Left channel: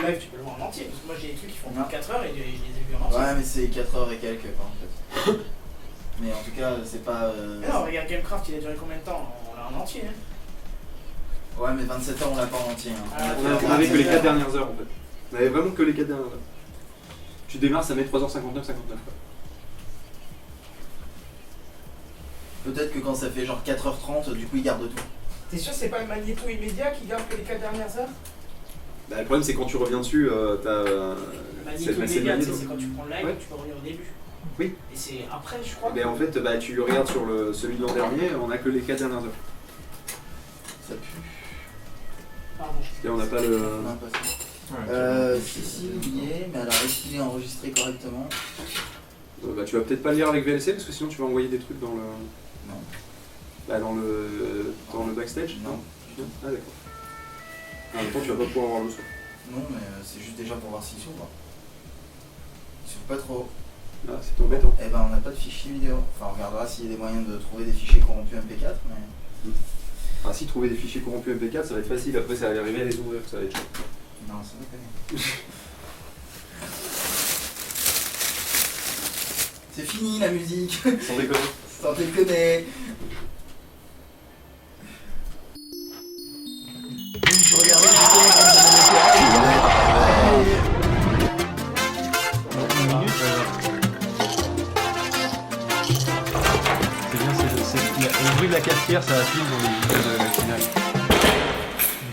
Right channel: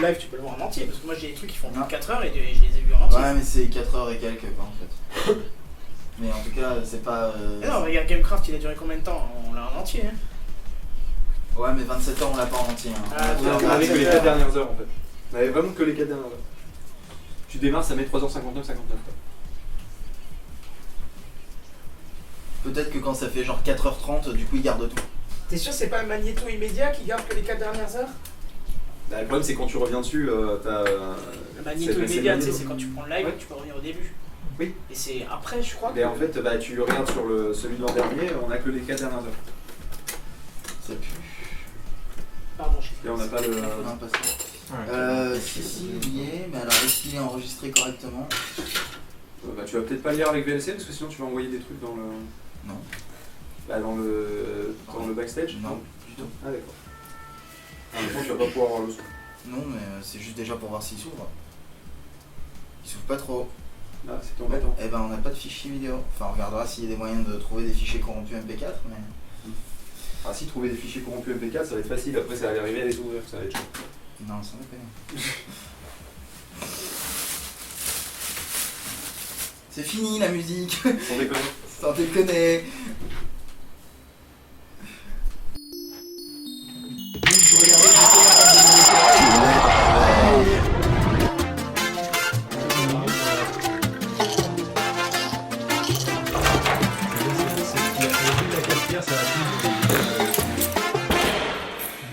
le live, tu peux le voir en entier. Parce que moi, j'ai des trucs qui font Non. 4 heures et je les ai vus en entier. Ouais, mais c'est 4 heures et quelques, quoi, en fait. Mais en tout cas, c'est pas. Mais non, regarde, Gamecraft, il a duré combien de temps? On l'a en entier. Hein. Ouais, mais 27 heures, on l'a pas en entier. Hein. Ah, On avait que les 4 dernières heures en fait. On avait vraiment que les 4 dernières heures. Tu démarres, ça met 3h59, 59 quoi. Peut-être que quand ça fait genre 4h30, du coup, il garde tout. T'es sûr que c'est pas le magnéto immédiat qui garde que les 4 dernières heures? Bah, le problème c'est quand tu reviens dessus, t'as. Le magnéto c'est le immédiat, magnéto. c'est quand tu prends le live, Ouais. tu peux revenir au début. Oui. Et c'est après, je crois. Mais en fait, bah, tu regardes sur celui de l'an dernier, on a que les 4 dernières heures. Ça pue. Pardon, Et on n'a pas le. Non, pas ça. Si, il y est, mais alors est-ce qu'il est enregistré correctement? Bah, tu vas peut-être pas le lire avec VLC parce que sinon tu vas envoyer des trucs dans le. Non. Bah, dans le backstage. Non, du tout. Ah d'accord. En même temps, tu vas pas pouvoir avoir le son. Non, mais c'est juste déjà pour voir s'il s'ouvre. Il s'ouvre pas trop. Ah, c'est embêtant. Eh ben, on n'a pas de fichier vidéo. Enfin, on regardera s'il y a des moyens de trouver des fichiers corrompus MP4, mais. Ah, si trouver des fichiers corrompus MP4, ça va être facile. Après, ça va arriver à les ouvrir, ça va être chaud. Non, ça me connaît. C'est fini la musique. Sans déconner. Sans déconner. Je regardais j'étais en train de me mettre.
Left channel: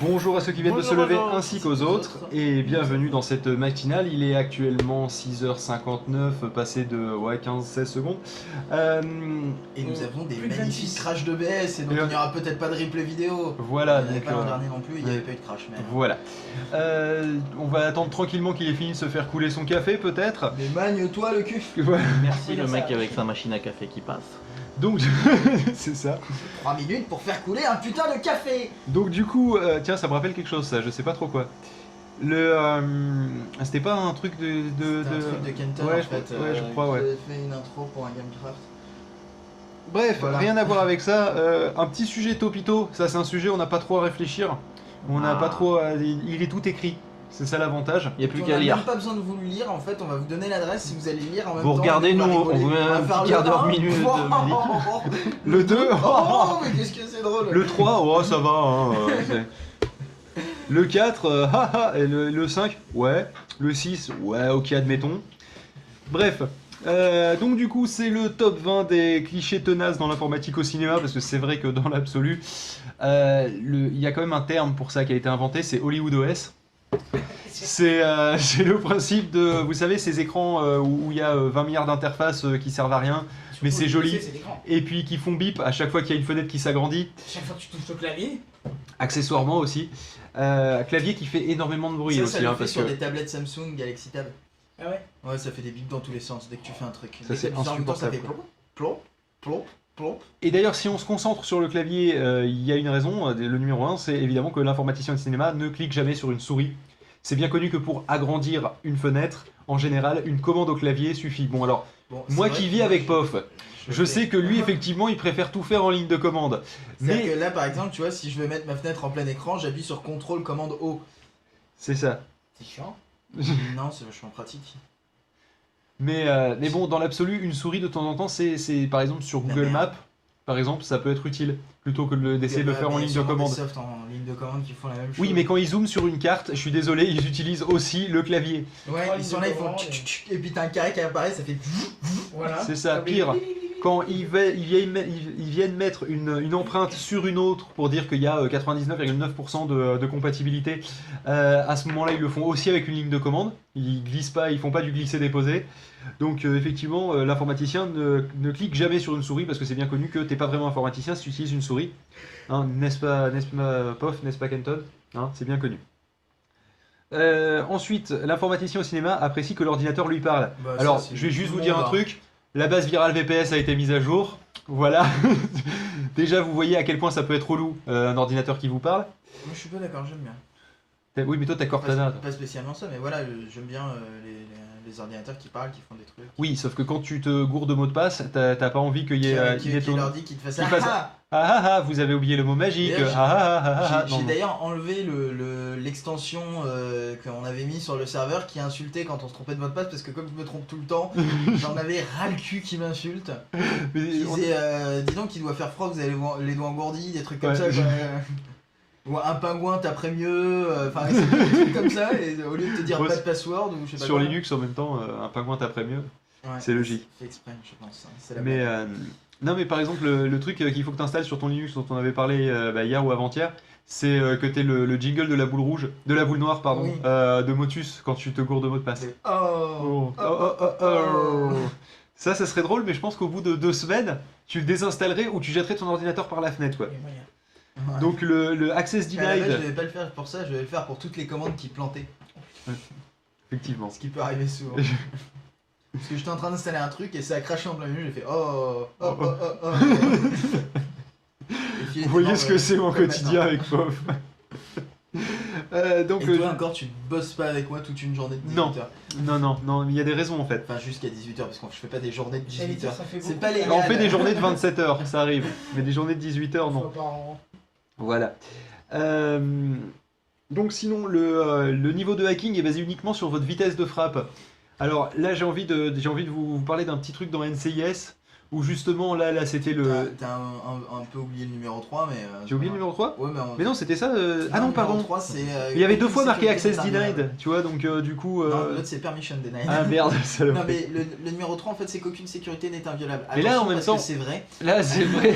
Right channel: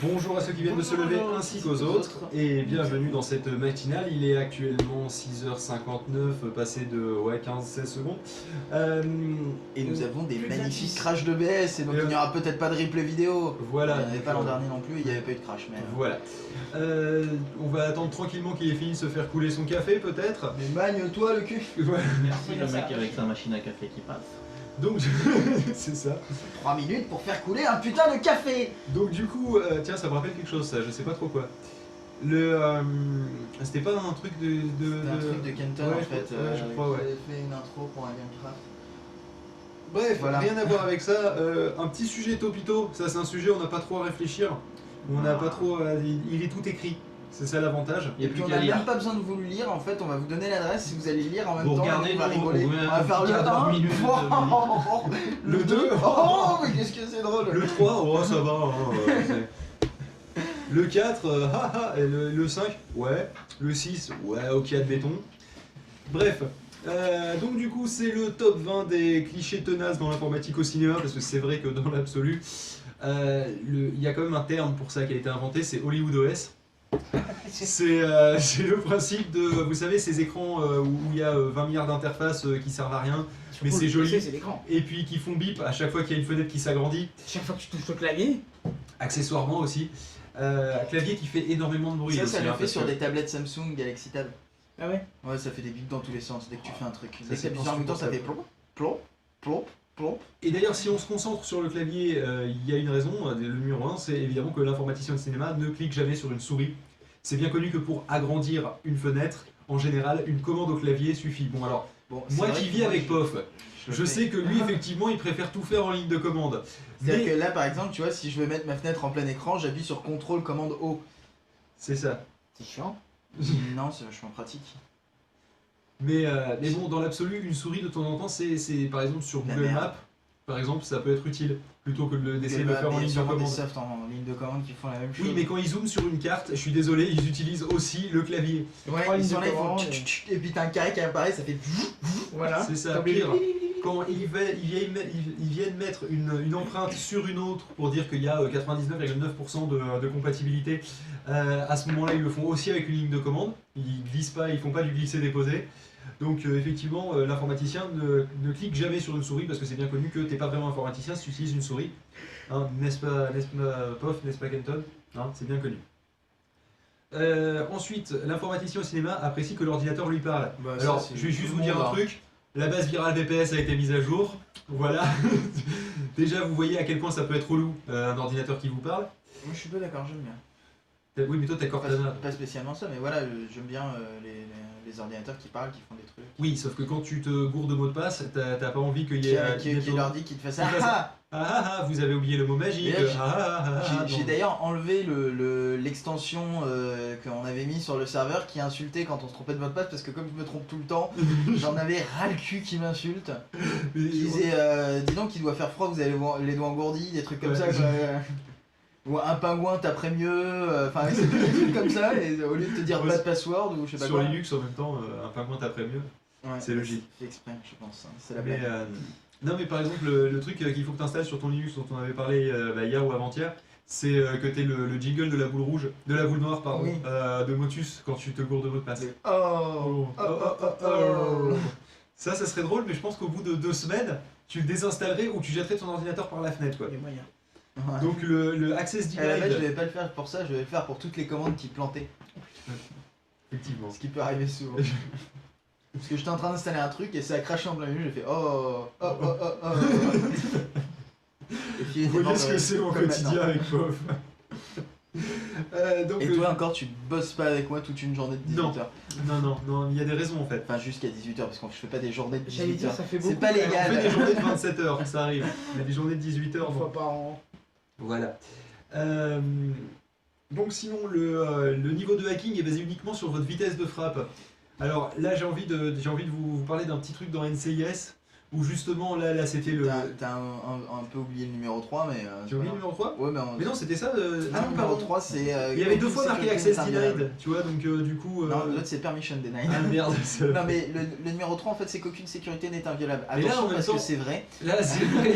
Bonjour à ceux qui viennent de se lever ainsi qu'aux autres et bienvenue dans cette matinale. Il est actuellement 6h59 passé de 15-16 secondes. Et nous avons des magnifiques crashs de BS et donc il n'y aura peut-être pas de replay vidéo. Voilà. Il n'y avait pas l'an dernier non plus, il n'y avait pas eu de crash. Mais... Voilà. On va attendre tranquillement qu'il ait fini de se faire couler son café peut-être. Mais magne-toi le cul. Voilà. Merci le mec avec sa machine à café qui passe. Donc, c'est ça. 3 minutes pour faire couler un putain de café. Donc du coup, tiens, ça me rappelle quelque chose ça, je sais pas trop quoi. C'était pas un truc de... C'était un truc de Kenton Ouais, en fait. ouais, je crois, ouais. J'avais fait une intro pour un Gamecraft. Bref, Voilà. rien à voir avec ça. Un petit sujet topito, ça c'est un sujet on n'a pas trop à réfléchir. On n'a pas trop il est tout écrit. C'est ça l'avantage. Il n'y a Et puis plus on qu'à n'a lire. même pas besoin de vous le lire, en fait on va vous donner l'adresse si vous allez lire en même Vous temps. regardez, on va nous, rigoler. on met On va un faire petit le quart d'heure, 1. minute, Le 2. Oh mais qu'est-ce que c'est drôle. Le 3, oh ça va. Hein, le 4, haha, et le 5, ouais. Le 6, ouais, ok, admettons. Bref. Donc du coup c'est le top 20 des clichés tenaces dans l'informatique au cinéma parce que c'est vrai que dans l'absolu il y a quand même un terme pour ça qui a été inventé, c'est Hollywood OS. C'est le principe de, vous savez, ces écrans où il y a 20 milliards d'interfaces qui servent à rien, mais c'est joli, C'est l'écran. et puis qui font bip à chaque fois qu'il y a une fenêtre qui s'agrandit, Chaque fois que tu touches au clavier. accessoirement aussi. Un clavier qui fait énormément de bruit. Ça, aussi, ça le hein, fait parce sur que- des tablettes Samsung Galaxy Tab. Ah ouais. Ouais, ça fait des bips dans tous les sens dès que tu fais un truc. Ça, Dès que c'est tu appuies en même temps, ça fait insupportable. plomp, plomp, plomp, plomp. Et d'ailleurs, si on se concentre sur le clavier, il y a une raison. Le numéro 1, c'est évidemment que l'informaticien de cinéma ne clique jamais sur une souris. C'est bien connu que pour agrandir une fenêtre, en général, une commande au clavier suffit. Bon alors, Bon, c'est moi vrai qui que vis moi, avec POF, je fais. sais que lui, effectivement, il préfère tout faire en ligne de commande. C'est-à-dire Mais que là, par exemple, tu vois, si je veux mettre ma fenêtre en plein écran, j'appuie sur CTRL commande O. c'est ça. C'est chiant. Non, c'est vachement pratique. Mais bon, dans l'absolu, une souris de temps en temps, c'est par exemple sur La Google merde. Maps, par exemple, ça peut être utile plutôt que d'essayer de le Bah, faire en mais il y a ligne de sûrement des commande. softs en ligne de commande qui font la même chose. Oui, mais quand ils zooment sur une carte, je suis désolé, ils utilisent aussi le clavier. Ouais, Trois ils lignes sont de là, ils font commande, tchic, tchic, tchic, et puis t'as un carré qui apparaît, ça fait. Voilà. C'est ça, pire. Quand ils viennent mettre une empreinte sur une autre pour dire qu'il y a 99,9% de compatibilité, à ce moment-là, ils le font aussi avec une ligne de commande. Ils glissent pas, ils font pas du glisser-déposer. Donc effectivement, l'informaticien ne clique jamais sur une souris parce que c'est bien connu que t'es pas vraiment informaticien si tu utilises une souris. Hein, n'est-ce pas, POF, n'est-ce pas Kenton, hein, c'est bien connu. Ensuite, l'informaticien au cinéma apprécie que l'ordinateur lui parle. Bah, Alors, ça, c'est je vais juste tout vous le dire monde, un hein. truc. La base virale VPS a été mise à jour. Voilà. Déjà, vous voyez à quel point ça peut être relou, un ordinateur qui vous parle. Moi, je suis pas d'accord, j'aime bien. Oui, mais toi, t'as Cortana. Pas spécialement ça, mais voilà, j'aime bien les ordinateurs qui parlent, qui font des trucs. Oui, sauf que quand tu te gourdes de mot de passe, t'as pas envie qu'il y ait... Qui leur dit qu'ils te fassent Qui fasse- vous avez oublié le mot magique. D'ailleurs, J'ai Non. d'ailleurs enlevé l'extension qu'on avait mis sur le serveur qui insultait quand on se trompait de mot de passe parce que comme je me trompe tout le temps, j'en avais ras le cul qui m'insulte. Mais- Qui disait dis donc il doit faire froid, vous avez les doigts engourdis, des trucs comme Ouais. ça quoi. Ou un pingouin taperait mieux, enfin c'est des trucs comme ça et au lieu de te dire Ouais, pas de password ou je sais pas Sur quoi. Linux, en même temps, un pingouin taperait mieux. Ouais, c'est logique. fait exprès je pense, hein. C'est la Mais, blague. non, mais par exemple, le truc qu'il faut que tu installes sur ton Linux dont on avait parlé hier ou avant-hier, c'est que tu le jingle de la boule rouge, de la boule noire, pardon, Oui. de Motus quand tu te gourdes de mot de passe. Oh, Ça serait drôle, mais je pense qu'au bout de 2 semaines, tu le désinstallerais ou tu jetterais ton ordinateur par la fenêtre. Quoi. Il y a moyen. Ouais. Donc le Access À la base, je Denied, devais pas le faire pour ça, je devais le faire pour toutes les commandes qui plantaient. effectivement. Ce qui peut arriver souvent. Parce que j'étais en train d'installer un truc et ça a craché en plein milieu, j'ai fait oh. Et puis, il Vous était voyez mort, ce que c'est mon comme quotidien maintenant. avec Pof. Donc, Et toi encore, tu bosses pas avec moi toute une journée de 18h. non, il y a des raisons en fait. Enfin, jusqu'à 18h, parce que je fais pas des journées de J'allais 18h. dire, ça fait beaucoup. C'est pas On légal. fait des journées de 27 heures, ça arrive. Mais des journées de 18 heures, Une non. fois par an. Voilà. Donc sinon, le niveau de hacking est basé uniquement sur votre vitesse de frappe. Alors là, j'ai envie de vous parler d'un petit truc dans NCIS, où justement, là c'était le... T'as un peu oublié le numéro 3, mais. J'ai oublié le numéro 3 Ouais, Mais non, c'était ça. Ah non, non, pardon. numéro 3, c'est. Il y avait 2 aucune fois marqué sécurité Access n'est inviolable. Denied, tu vois, donc du coup... Non, l'autre c'est Permission Denied. Ah merde, ça Non, mais le numéro 3, en fait, c'est qu'aucune sécurité n'est inviolable. Mais là, Attention, en même parce temps- que c'est vrai. Là, c'est vrai.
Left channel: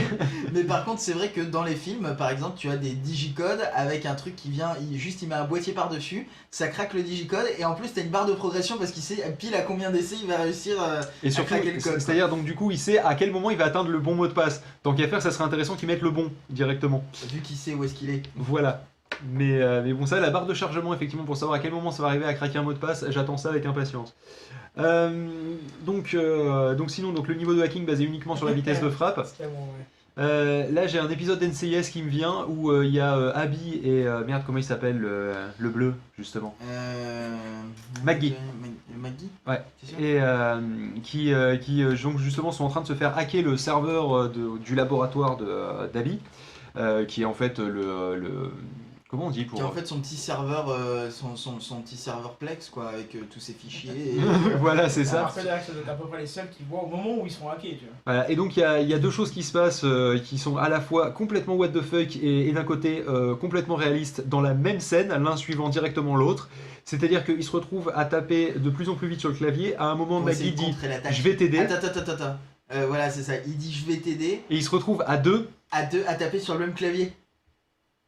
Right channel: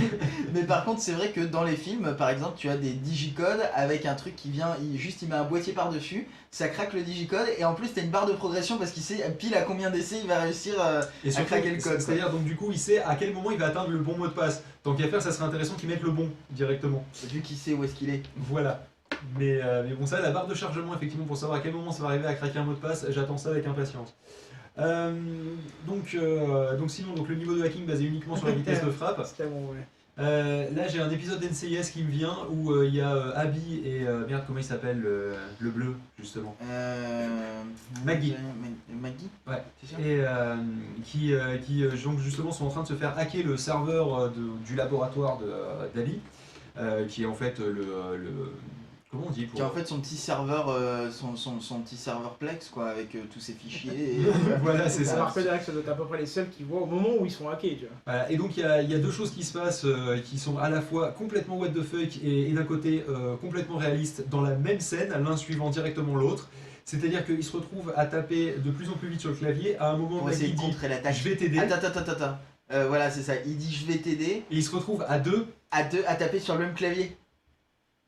Mais par contre, c'est vrai que dans les films, par exemple, tu as des digicodes avec un truc qui vient, il met un boîtier par-dessus, ça craque le digicode, et en plus, t'as une barre de progression parce qu'il sait pile à combien d'essais il va réussir Et à surtout, craquer le code. c'est-à-dire, donc du coup, il sait à quel moment il va atteindre le bon mot de passe. Tant qu'à faire, ça serait intéressant qu'il mette le bon directement. Vu qu'il sait où est-ce qu'il est. Voilà. Mais bon, ça, la barre de chargement, effectivement, pour savoir à quel moment ça va arriver à craquer un mot de passe, j'attends ça avec impatience. Donc sinon, le niveau de hacking basé uniquement sur la vitesse de frappe. C'était bon, ouais. Là, j'ai un épisode d'NCIS qui me vient où il y a Abby et merde, comment il s'appelle le bleu justement. Maggie. Maggie. Ouais. C'est sûr. Et qui donc justement sont en train de se faire hacker le serveur du laboratoire d'Abby, qui est en fait le comment on dit pour... Qui a en fait son petit serveur, son petit serveur Plex quoi, avec tous ses fichiers. Et... Voilà, c'est ça. Alors que Derek, ça doit être à peu près les seuls qui voient au moment où ils sont hackés, tu vois. Voilà, et donc il y a 2 choses qui se passent qui sont à la fois complètement what the fuck et d'un côté complètement réalistes dans la même scène, l'un suivant directement l'autre. C'est-à-dire qu'ils se retrouvent à taper de plus en plus vite sur le clavier. À un moment, Pour essayer Maggie de dit contrer l'attaque. je vais t'aider. Attends. Voilà, c'est ça. Il dit je vais t'aider. Et ils se retrouvent à 2. À taper sur le même clavier.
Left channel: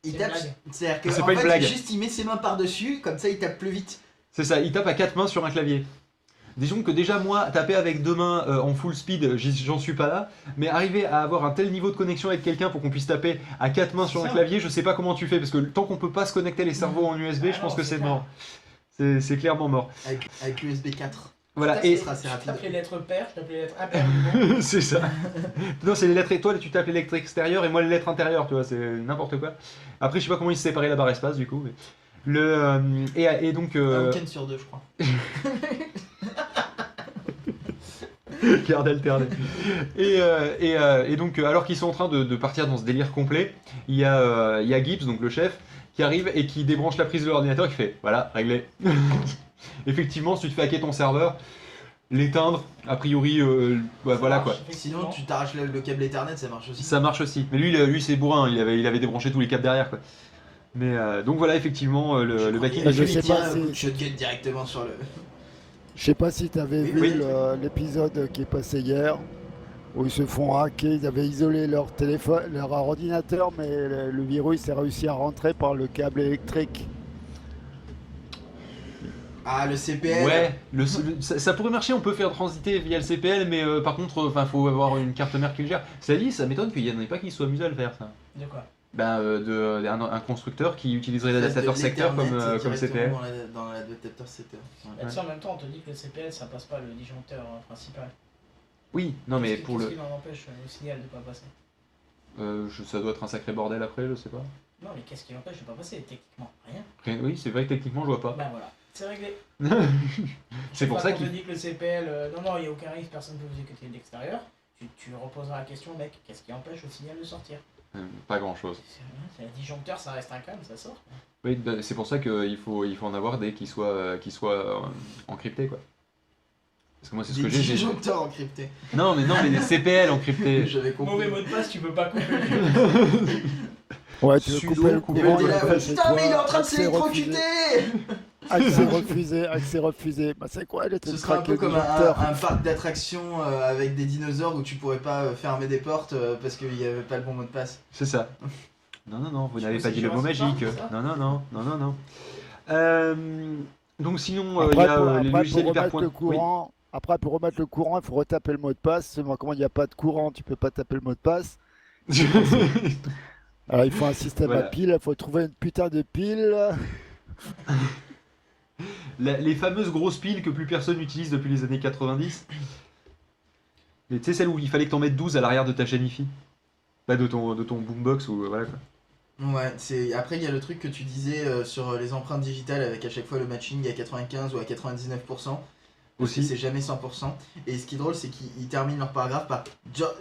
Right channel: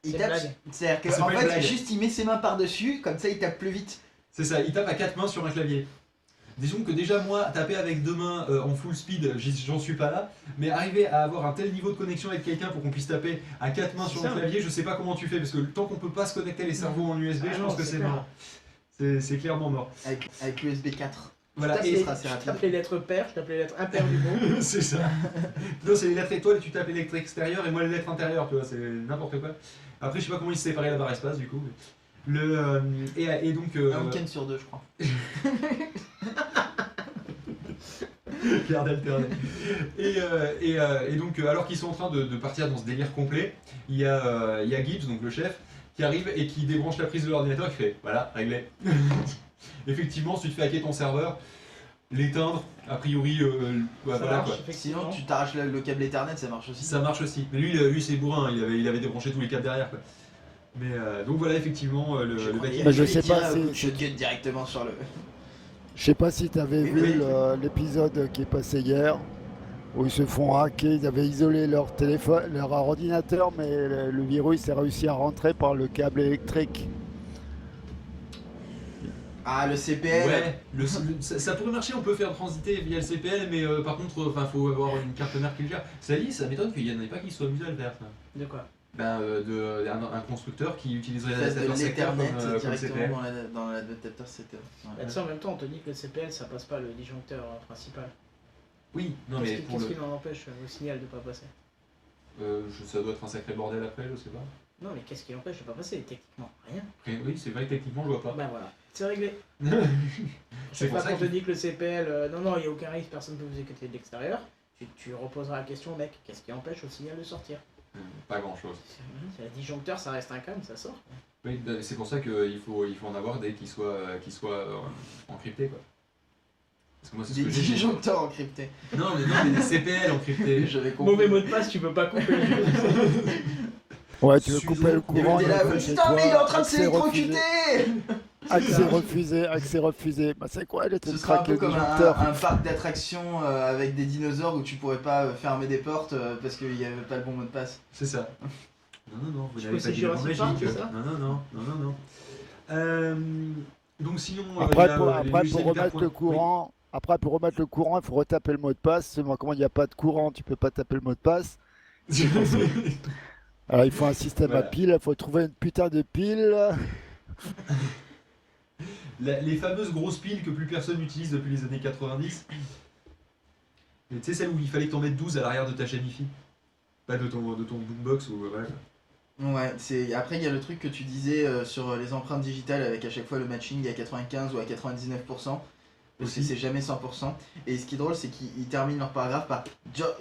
Il C'est tape. une blague. C'est-à-dire que C'est en pas une fait, blague. juste il met ses mains par-dessus, comme ça il tape plus vite. C'est ça, il tape à 4 mains sur un clavier. Disons que déjà moi, taper avec 2 mains en full speed, j'en suis pas là, mais arriver à avoir un tel niveau de connexion avec quelqu'un pour qu'on puisse taper à 4 mains C'est sur ça. un clavier, je sais pas comment tu fais, parce que tant qu'on peut pas se connecter les cerveaux en USB, Ah je non, pense que c'est c'est clair. mort. C'est clairement mort. Avec l'USB 4. Voilà, Ça et sera assez Je rapide. tape les lettres paires, je tape les lettres impaires du mot. c'est ça. Non, c'est les lettres étoiles, tu tapes les lettres extérieures et moi les lettres intérieures, tu vois, c'est n'importe quoi. Après, je sais pas comment ils se séparaient la barre espace du coup. Mais... et donc. Un week-end sur 2, je crois. Garde alternée. Et donc, alors qu'ils sont en train de partir dans ce délire complet, il y a Gibbs, donc le chef, qui arrive et qui débranche la prise de l'ordinateur et qui fait voilà, réglé. Effectivement, si tu te fais hacker ton serveur, l'éteindre, a priori, Ça voilà marche, quoi. effectivement. Sinon, tu t'arraches le câble Ethernet, ça marche aussi. Ça marche aussi. Mais lui c'est bourrin, il avait débranché tous les câbles derrière quoi. Mais donc voilà, effectivement, le mec. Bah, je lui sais tire pas un si- coup de shotgun directement sur le. Je sais pas si tu avais Oui, vu oui. l'épisode qui est passé hier, où ils se font hacker, ils avaient isolé leur téléphone, leur ordinateur, mais le virus a réussi à rentrer par le câble électrique. Ah, le CPL. Ouais, ça pourrait marcher, on peut faire transiter via le CPL, mais par contre, faut avoir une carte mère qui le gère. Ça dit, ça m'étonne qu'il n'y en ait pas qui soient amusés à le faire, ça. De quoi? Un constructeur qui utiliserait Fasse de l'adaptateur secteur l'Ethernet comme directement CPL. dans l'adaptateur secteur. Ouais. Là-dessus, en même temps, on te dit que le CPL, ça passe pas le disjoncteur principal. Oui, non mais Qu'est-ce pour qui le. en empêche au signal de pas passer? Ça doit être un sacré bordel après, je sais pas. Non, mais qu'est-ce qui l'empêche de pas passer techniquement? Rien. Oui, c'est vrai que techniquement je vois pas. Ben voilà. C'est réglé. C'est pour Chaque ça fois qu'on te qu'il dit que le CPL, non, il n'y a aucun risque, personne ne peut vous écouter de l'extérieur. Tu reposeras la question, mec, qu'est-ce qui empêche au signal de sortir? pas grand chose. C'est un disjoncteur, ça reste un câble, ça sort. Oui, c'est pour ça qu'il faut en avoir des qui soient encryptés quoi. Parce que moi c'est ce Des que j'ai. disjoncteurs encryptés. Non mais des CPL encryptés. J'avais compris. Mauvais mot de passe, tu peux pas couper le jeu. Ouais, tu veux Suzo, couper le Et courant, t'es il là, le ouais, fait chez putain, toi. mais il est en train de accès refusé. s'électrocuter. Accès refusé. Bah c'est quoi, elle était Ce sera un craquer peu le comme disjoncteur. un parc d'attractions avec des dinosaures où tu pourrais pas fermer des portes parce qu'il n'y avait pas le bon mot de passe. C'est ça. Non, vous Tu n'avez peux pas dit le mot Jurassic Park, magique. c'est ça Non. Donc sinon, Après, il y a, les pour logiciels remettre hyperpoint- le courant, il faut retaper le mot de passe. Seulement, comme il n'y a pas de courant, tu peux pas taper le mot de passe. Oui. Alors, il faut un système Voilà. à pile, il faut trouver une putain de pile. Les fameuses grosses piles que plus personne n'utilise depuis les années 90. Mais tu sais, celle où il fallait que t'en mettes 12 à l'arrière de ta chaîne hi-fi. Pas de ton boombox ou voilà quoi. Ouais, après il y a le truc que tu disais sur les empreintes digitales avec à chaque fois le matching à 95 ou à 99%. Parce que Aussi. c'est jamais 100%. Et ce qui est drôle, c'est qu'ils terminent leur paragraphe par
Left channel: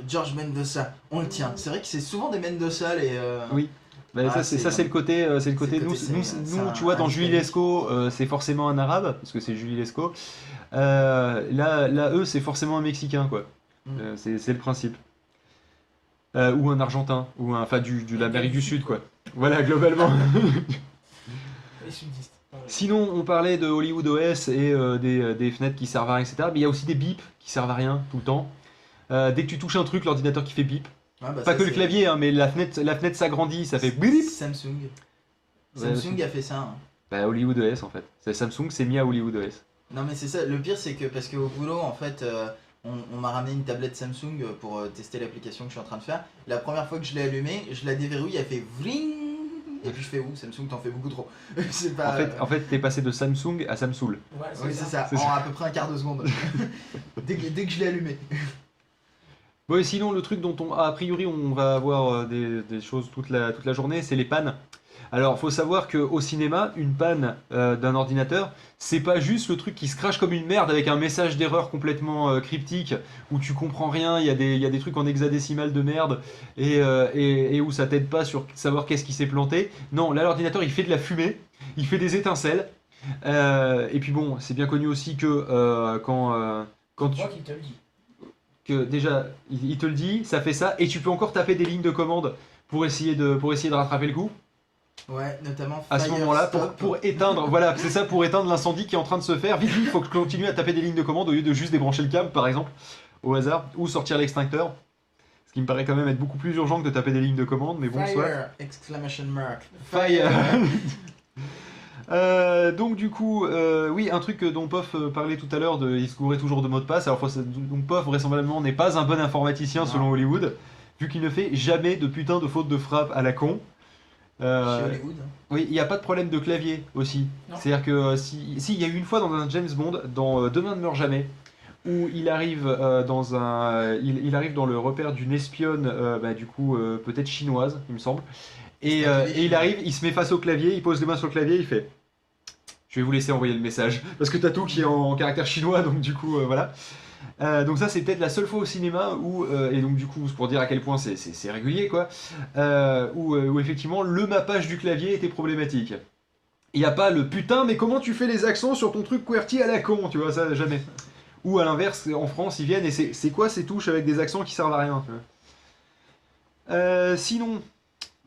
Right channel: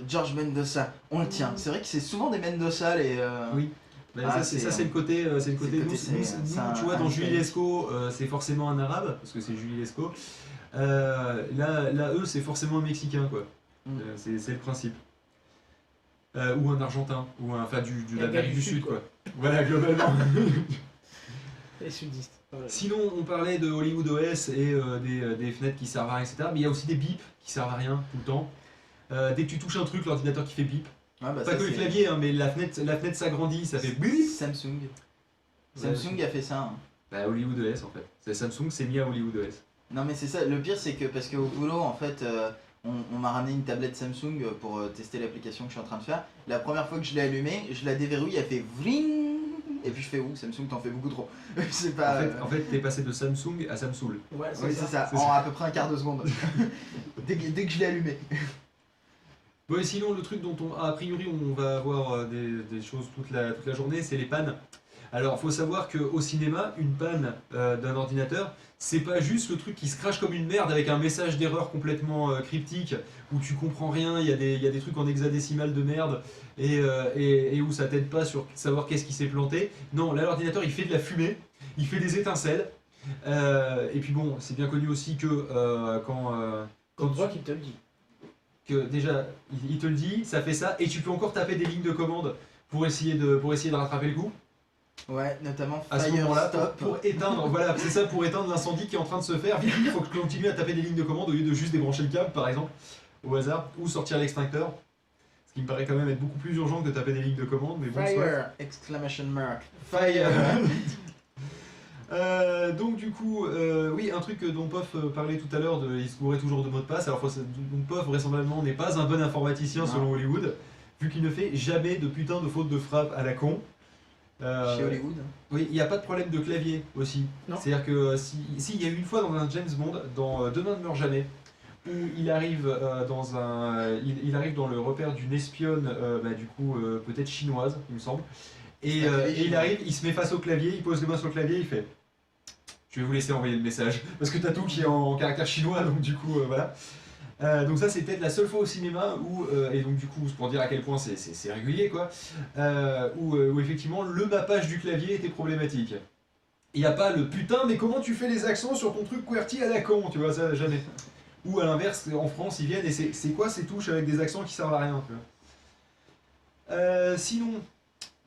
George Mendoza, on le tient. C'est vrai que c'est souvent des Mendoza les. Oui. Bah, Ah, ça c'est le côté, nous, c'est tu vois, dans un Julie hispanique. Lescaut, c'est forcément un arabe parce que c'est Julie Lescaut. Là, eux, c'est forcément un mexicain quoi. Mm. C'est le principe. Ou un argentin, ou enfin de l'Amérique du Sud quoi. Voilà globalement. Les sudistes. Voilà. Sinon, on parlait de Hollywood OS et des fenêtres qui servent à rien, etc. Mais il y a aussi des bips qui servent à rien tout le temps. Dès que tu touches un truc, l'ordinateur qui fait bip. Ah, bah, Pas ça, que le c'est- clavier, hein, mais la fenêtre s'agrandit, ça fait bip. Samsung. Ouais, Samsung a fait ça. Hein. Bah, Hollywood OS en fait. Samsung s'est mis à Hollywood OS. Non mais c'est ça, le pire c'est que parce qu'au boulot en fait on m'a ramené une tablette Samsung pour tester l'application que je suis en train de faire. La première fois que je l'ai allumée, je la déverrouille, elle fait vring et puis je fais ouh Samsung t'en fais beaucoup trop. C'est pas... En fait, t'es passé de Samsung à Samsung. Ouais, oui c'est ça, C'est en à peu près un quart de seconde. dès que je l'ai allumé. Bon, et sinon, le truc dont a priori on va avoir des choses toute la journée, c'est les pannes. Alors, faut savoir qu'au cinéma, une panne d'un ordinateur, c'est pas juste le truc qui se crache comme une merde avec un message d'erreur complètement cryptique où tu comprends rien, il y a des trucs en hexadécimal de merde et où ça t'aide pas sur savoir qu'est-ce qui s'est planté. Non, là, l'ordinateur il fait de la fumée, il fait des étincelles. Et puis bon, c'est bien connu aussi que quand Tu tu vois qu'il te le dit. que déjà il te le dit, ça fait ça, et tu peux encore taper des lignes de commande pour essayer de rattraper le coup. Ouais, notamment À ce Fire moment-là, Stop. pour éteindre, voilà, c'est ça, pour éteindre l'incendie qui est en train de se faire. Vite, il faut continuer à taper des lignes de commande au lieu de juste débrancher le câble, par exemple, au hasard, ou sortir l'extincteur. Ce qui me paraît quand même être beaucoup plus urgent que de taper des lignes de commande, mais bon. soit. Fire! Exclamation mark. Fire! Donc du coup, oui, un truc dont Pof parlait tout à l'heure, il se couvrait toujours de mots de passe. Alors donc Pof vraisemblablement n'est pas un bon informaticien Non. selon Hollywood, vu qu'il ne fait jamais de putain de faute de frappe à la con. Chez Hollywood. Oui, il n'y a pas de problème de clavier aussi. Non. C'est-à-dire que si il y a eu une fois dans un James Bond, dans Demain ne meurt jamais, où il arrive il arrive dans le repère d'une espionne, du coup peut-être chinoise, il me semble. Et C'était il chinois. arrive, il se met face au clavier, il pose les mains sur le clavier, il fait. Je vais vous laisser envoyer le message parce que t'as tout qui est en caractère chinois, donc du coup voilà. Donc ça c'est peut-être la seule fois au cinéma où et donc du coup c'est pour dire à quel point c'est régulier quoi, où effectivement le mappage du clavier était problématique. Il n'y a pas le putain mais comment tu fais les accents sur ton truc QWERTY à la con, tu vois ça jamais. Ou à l'inverse en France ils viennent et c'est quoi ces touches avec des accents qui servent à rien. Tu vois. Sinon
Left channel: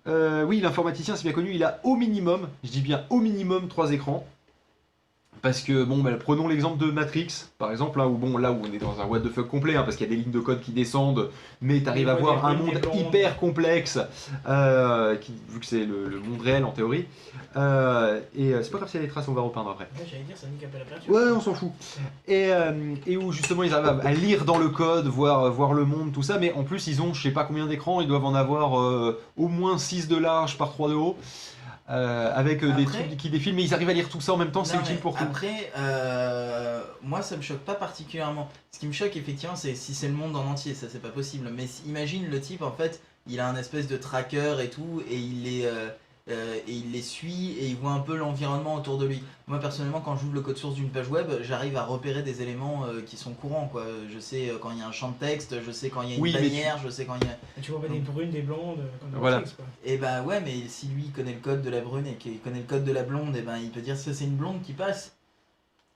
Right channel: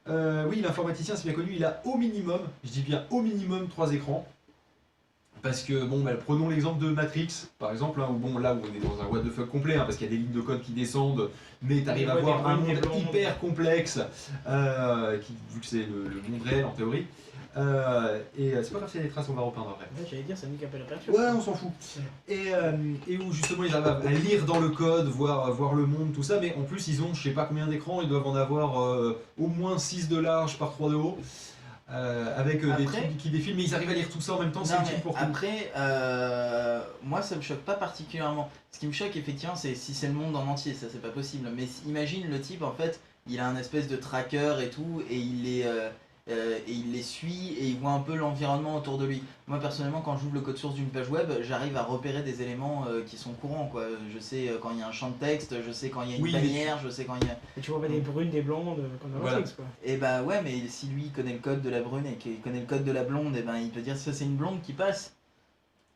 oui l'informaticien c'est bien connu, il a au minimum, je dis bien au minimum 3 écrans. Parce que, bon, prenons l'exemple de Matrix, par exemple, hein, où là où on est dans un what the fuck complet, hein, parce qu'il y a des lignes de code qui descendent, mais t'arrives à Des voir un brunes, des monde blondes. hyper complexe, vu que c'est le monde réel en théorie. Et c'est pas grave s'il y a des traces, on va repeindre après. Ouais, j'allais dire, ça nique un peu la peinture. Ouais, on s'en fout. Et où justement ils arrivent à lire dans le code, voir le monde, tout ça, mais en plus ils ont je sais pas combien d'écrans, ils doivent en avoir au moins 6 de large par 3 de haut. Avec des Après- trucs qui défilent, mais ils arrivent à lire tout ça en même temps, c'est Non, utile mais pour tout. après, moi ça me choque pas particulièrement. Ce qui me choque effectivement, c'est si c'est le monde en entier, ça c'est pas possible. Mais imagine le type en fait, il a un espèce de tracker et tout, et et il les suit et il voit un peu l'environnement autour de lui. Moi personnellement, quand j'ouvre le code source d'une page web, j'arrive à repérer des éléments qui sont courants, quoi. Je sais quand il y a un champ de texte, je sais quand il y a une Oui, bannière, je sais quand il y a... Et tu vois pas des brunes, des blondes, comme dans Voilà. Matrix, quoi. Et bah ouais, mais si lui il connaît le code de la brune et qu'il connaît le code de la blonde, et ben il peut dire ça c'est une blonde qui passe,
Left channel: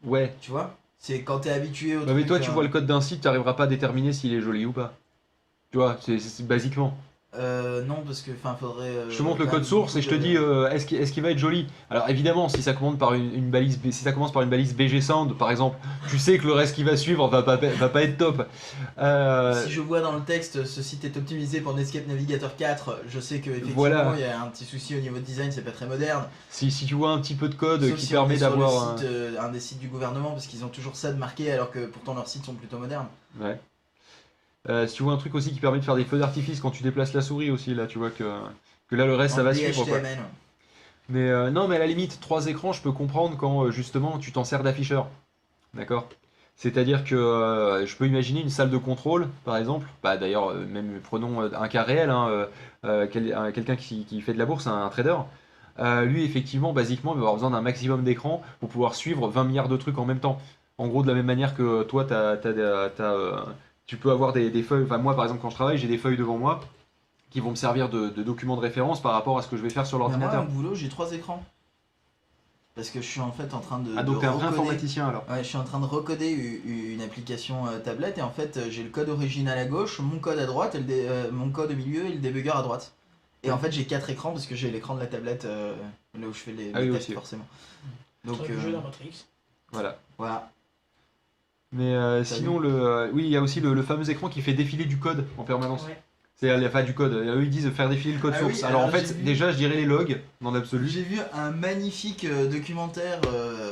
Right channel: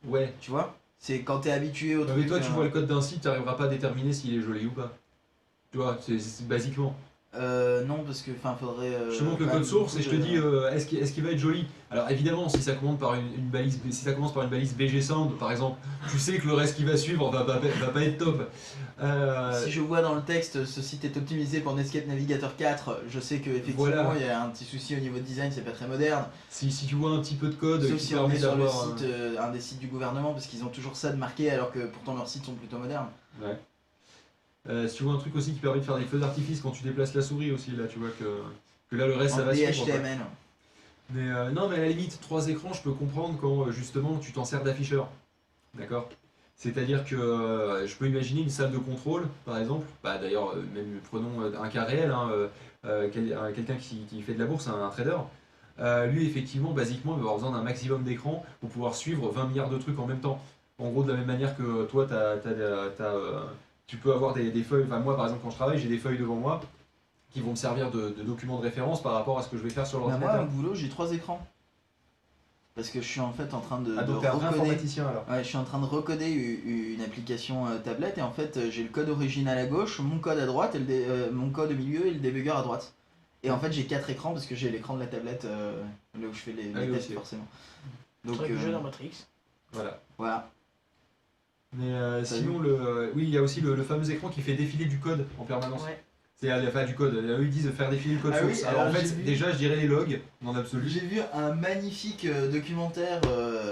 Ouais. tu vois. C'est quand t'es habitué au Ouais, truc. mais toi, tu vois le code d'un site, tu n'arriveras pas à déterminer s'il est joli ou pas. Tu vois, c'est basiquement. Non, parce que faudrait. Je te montre le quand code même source et je te beaucoup dis de- est-ce qu'il va être joli. Alors évidemment, si ça commence par une balise, si ça commence par une balise BG Sound par exemple, tu sais que le reste qui va suivre va pas être top. Si je vois dans le texte ce site est optimisé pour Netscape Navigator 4, je sais que effectivement Voilà. il y a un petit souci au niveau de design, c'est pas très moderne. si tu vois un petit peu de code Sauf qui si on permet est sur le d'avoir site, un des sites du gouvernement, parce qu'ils ont toujours ça de marqué alors que pourtant leurs sites sont plutôt modernes. Ouais. Si tu vois un truc aussi qui permet de faire des feux d'artifice quand tu déplaces la souris aussi, là tu vois que là le reste ça En va suivre. quoi. DHTML. Mais non, mais à la limite, 3 écrans, je peux comprendre quand justement tu t'en sers d'afficheur. D'accord. C'est-à-dire que je peux imaginer une salle de contrôle, par exemple. Bah, d'ailleurs, même prenons un cas réel, hein, quelqu'un qui fait de la bourse, un trader. Lui, effectivement, basiquement, il va avoir besoin d'un maximum d'écran pour pouvoir suivre 20 milliards de trucs en même temps. En gros, de la même manière que toi, tu peux avoir des feuilles. Enfin, moi, par exemple, quand je travaille, j'ai des feuilles devant moi qui vont me servir de documents de référence par rapport à ce que je vais faire sur Bah, moi, l'ordinateur. au boulot, j'ai 3 écrans. Parce que je suis en fait en train de Donc, un vrai recoder. informaticien alors. Ouais, je suis en train de recoder une application tablette et en fait j'ai le code original à gauche, mon code à droite, mon code au milieu et le débugger à droite. Et en fait j'ai 4 écrans parce que j'ai l'écran de la tablette là où je fais les Ah oui, tests aussi. forcément. Donc Truc du jeu dans Matrix. Voilà. voilà. Mais sinon, oui, il y a aussi le fameux écran qui fait défiler du code en permanence. Ouais. C'est pas du code. Eux, ils disent faire défiler le code Ah oui, source. Alors, en alors, fait, j'ai vu- déjà, je dirais les logs dans l'absolu. J'ai vu un magnifique documentaire,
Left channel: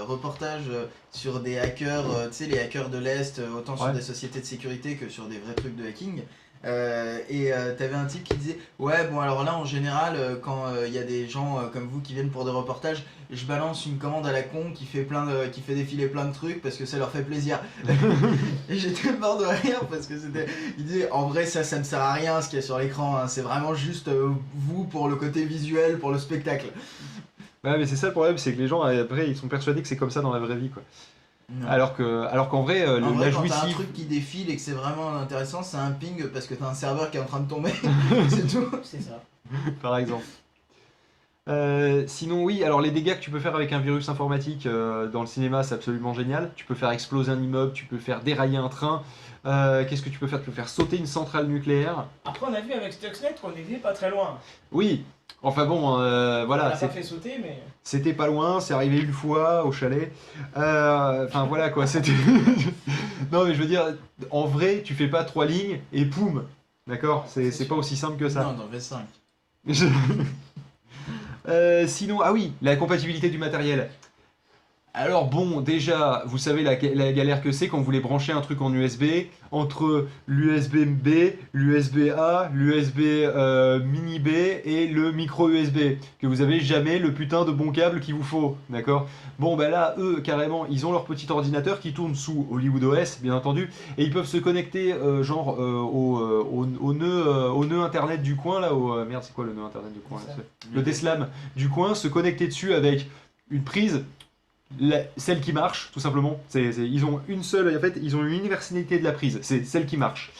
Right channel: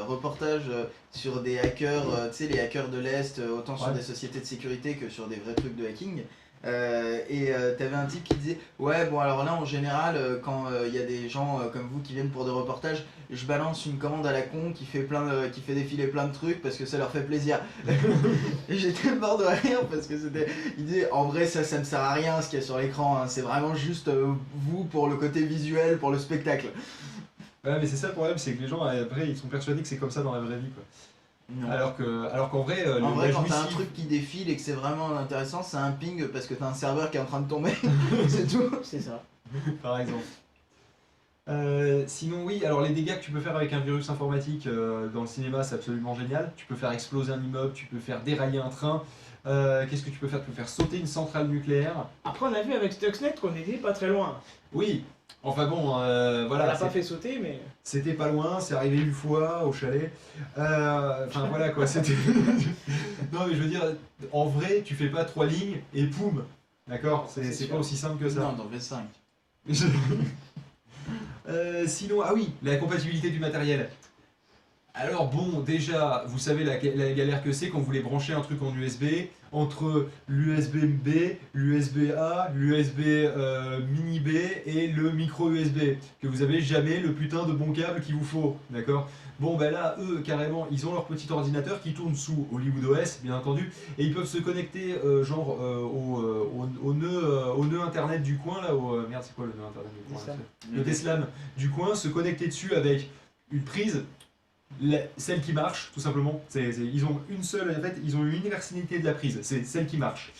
reportage sur des hackers, tu sais les hackers de l'Est, autant sur Ouais. des sociétés de sécurité que sur des vrais trucs de hacking. T'avais un type qui disait ouais bon alors là en général quand il y a des gens comme vous qui viennent pour des reportages, je balance une commande à la con qui fait défiler plein de trucs parce que ça leur fait plaisir. Et j'étais mort de rire parce que il disait en vrai ça ne sert à rien ce qu'il y a sur l'écran, hein. C'est vraiment juste vous pour le côté visuel, pour le spectacle. Ouais, mais c'est ça le problème, c'est que les gens, après, ils sont persuadés que c'est comme ça dans la vraie vie. Quoi. Non. Alors qu'en vrai, En vrai, quand t'as un jouissif- truc qui défile et que c'est vraiment intéressant, c'est un ping parce que t'as un serveur qui est en train de tomber. C'est tout. C'est ça. par exemple. Sinon, oui, alors les dégâts que tu peux faire avec un virus informatique dans le cinéma, c'est absolument génial. Tu peux faire exploser un immeuble, tu peux faire dérailler un train. Qu'est-ce que tu peux faire? Tu peux faire sauter une centrale nucléaire. Après, on a vu avec Stuxnet qu'on était pas très loin. Oui, enfin bon, On voilà, l'a pas fait sauter, mais. c'était pas loin, c'est arrivé une fois au chalet. Enfin voilà quoi, c'était. Non, mais je veux dire, en vrai, tu fais pas 3 lignes et poum, d'accord? C'est C'est sûr. pas aussi simple que ça. Non, dans V5. Sinon, ah oui, la compatibilité du matériel. Alors bon, déjà, vous savez la galère que c'est quand vous voulez brancher un truc en USB entre l'USB-B, l'USB-A, l'USB mini B et le micro USB, que vous avez jamais le putain de bon câble qu'il vous faut, d'accord? Bon, ben là, eux, carrément, ils ont leur petit ordinateur qui tourne sous Hollywood OS, bien entendu, et ils peuvent se connecter, au nœud internet du coin, là, merde, c'est quoi le nœud internet du coin là, Deslam. le Deslam du coin, se connecter dessus avec une prise, celle qui marche, tout simplement. Ils ont une seule, en fait, ils ont une universalité de la prise, c'est celle qui marche.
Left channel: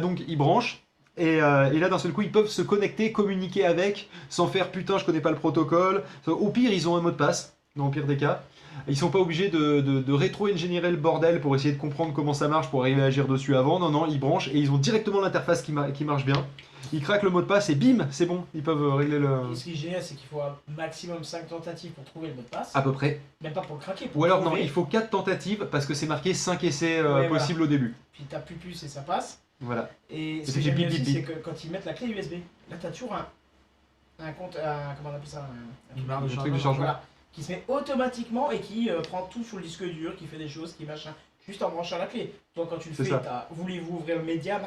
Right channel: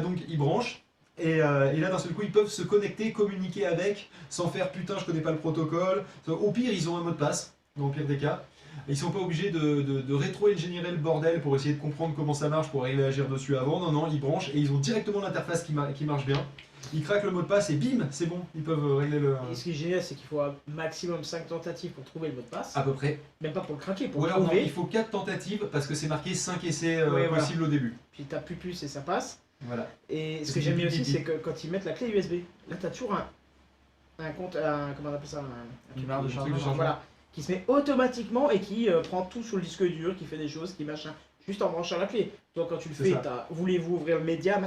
Donc ils branchent. Et là, d'un seul coup, ils peuvent se connecter, communiquer avec, sans faire putain, je connais pas le protocole. Au pire, ils ont un mot de passe, dans le pire des cas. Ils sont pas obligés de rétro-ingénierer le bordel pour essayer de comprendre comment ça marche, pour arriver à agir dessus avant. Non, non, ils branchent et ils ont directement l'interface qui marche bien. Ils craquent le mot de passe et bim, c'est bon, ils peuvent régler le. Et ce qui est génial, c'est qu'il faut un maximum 5 tentatives pour trouver le mot de passe. À peu près. Même pas pour le craquer, pour Ou le alors, non, trouver. il faut 4 tentatives parce que c'est marqué 5 essais Ouais, voilà. possibles au début. Puis t'appuies plus et ça passe. Voilà. Et Et ce c'est que j'aime du bien bip, aussi, bip, c'est que quand ils mettent la clé USB, là t'as toujours un compte, comment on appelle ça, un Une barre de truc de chargement. chargement. voilà, qui se met automatiquement et qui prend tout sur le disque dur, qui fait des choses, qui machin, juste en branchant la clé. Toi quand tu le C'est fais, ça. voulez-vous ouvrir le média,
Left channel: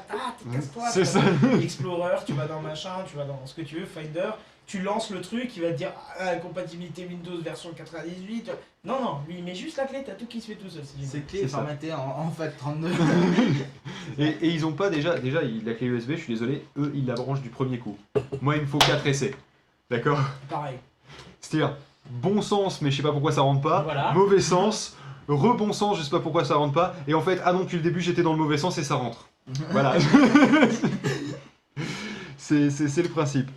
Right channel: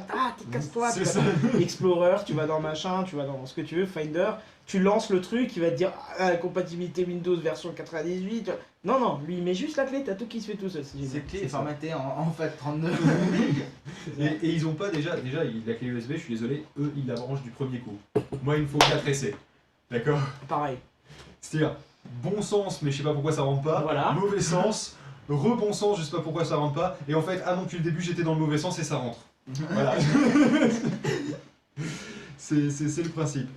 casse-toi, C'est tu ça. vas dans Explorer, tu vas dans machin, tu vas dans ce que tu veux, Finder, tu lances le truc, il va te dire compatibilité Windows version 98. Non, non, lui il met juste la clé, t'as tout qui se fait tout seul. C'est génial. Cette clé est C'est ça. formatée en FAT32. C'est ça. Et ils ont pas déjà la clé USB, je suis désolé, eux ils la branchent du premier coup. Moi il me faut 4 essais. D'accord? Pareil. C'est-à-dire bon sens, mais je sais pas pourquoi ça rentre pas. Voilà. Mauvais sens, rebon sens, je sais pas pourquoi ça rentre pas. Et en fait, ah non, depuis le début j'étais dans le mauvais sens et ça rentre. Voilà. c'est le principe.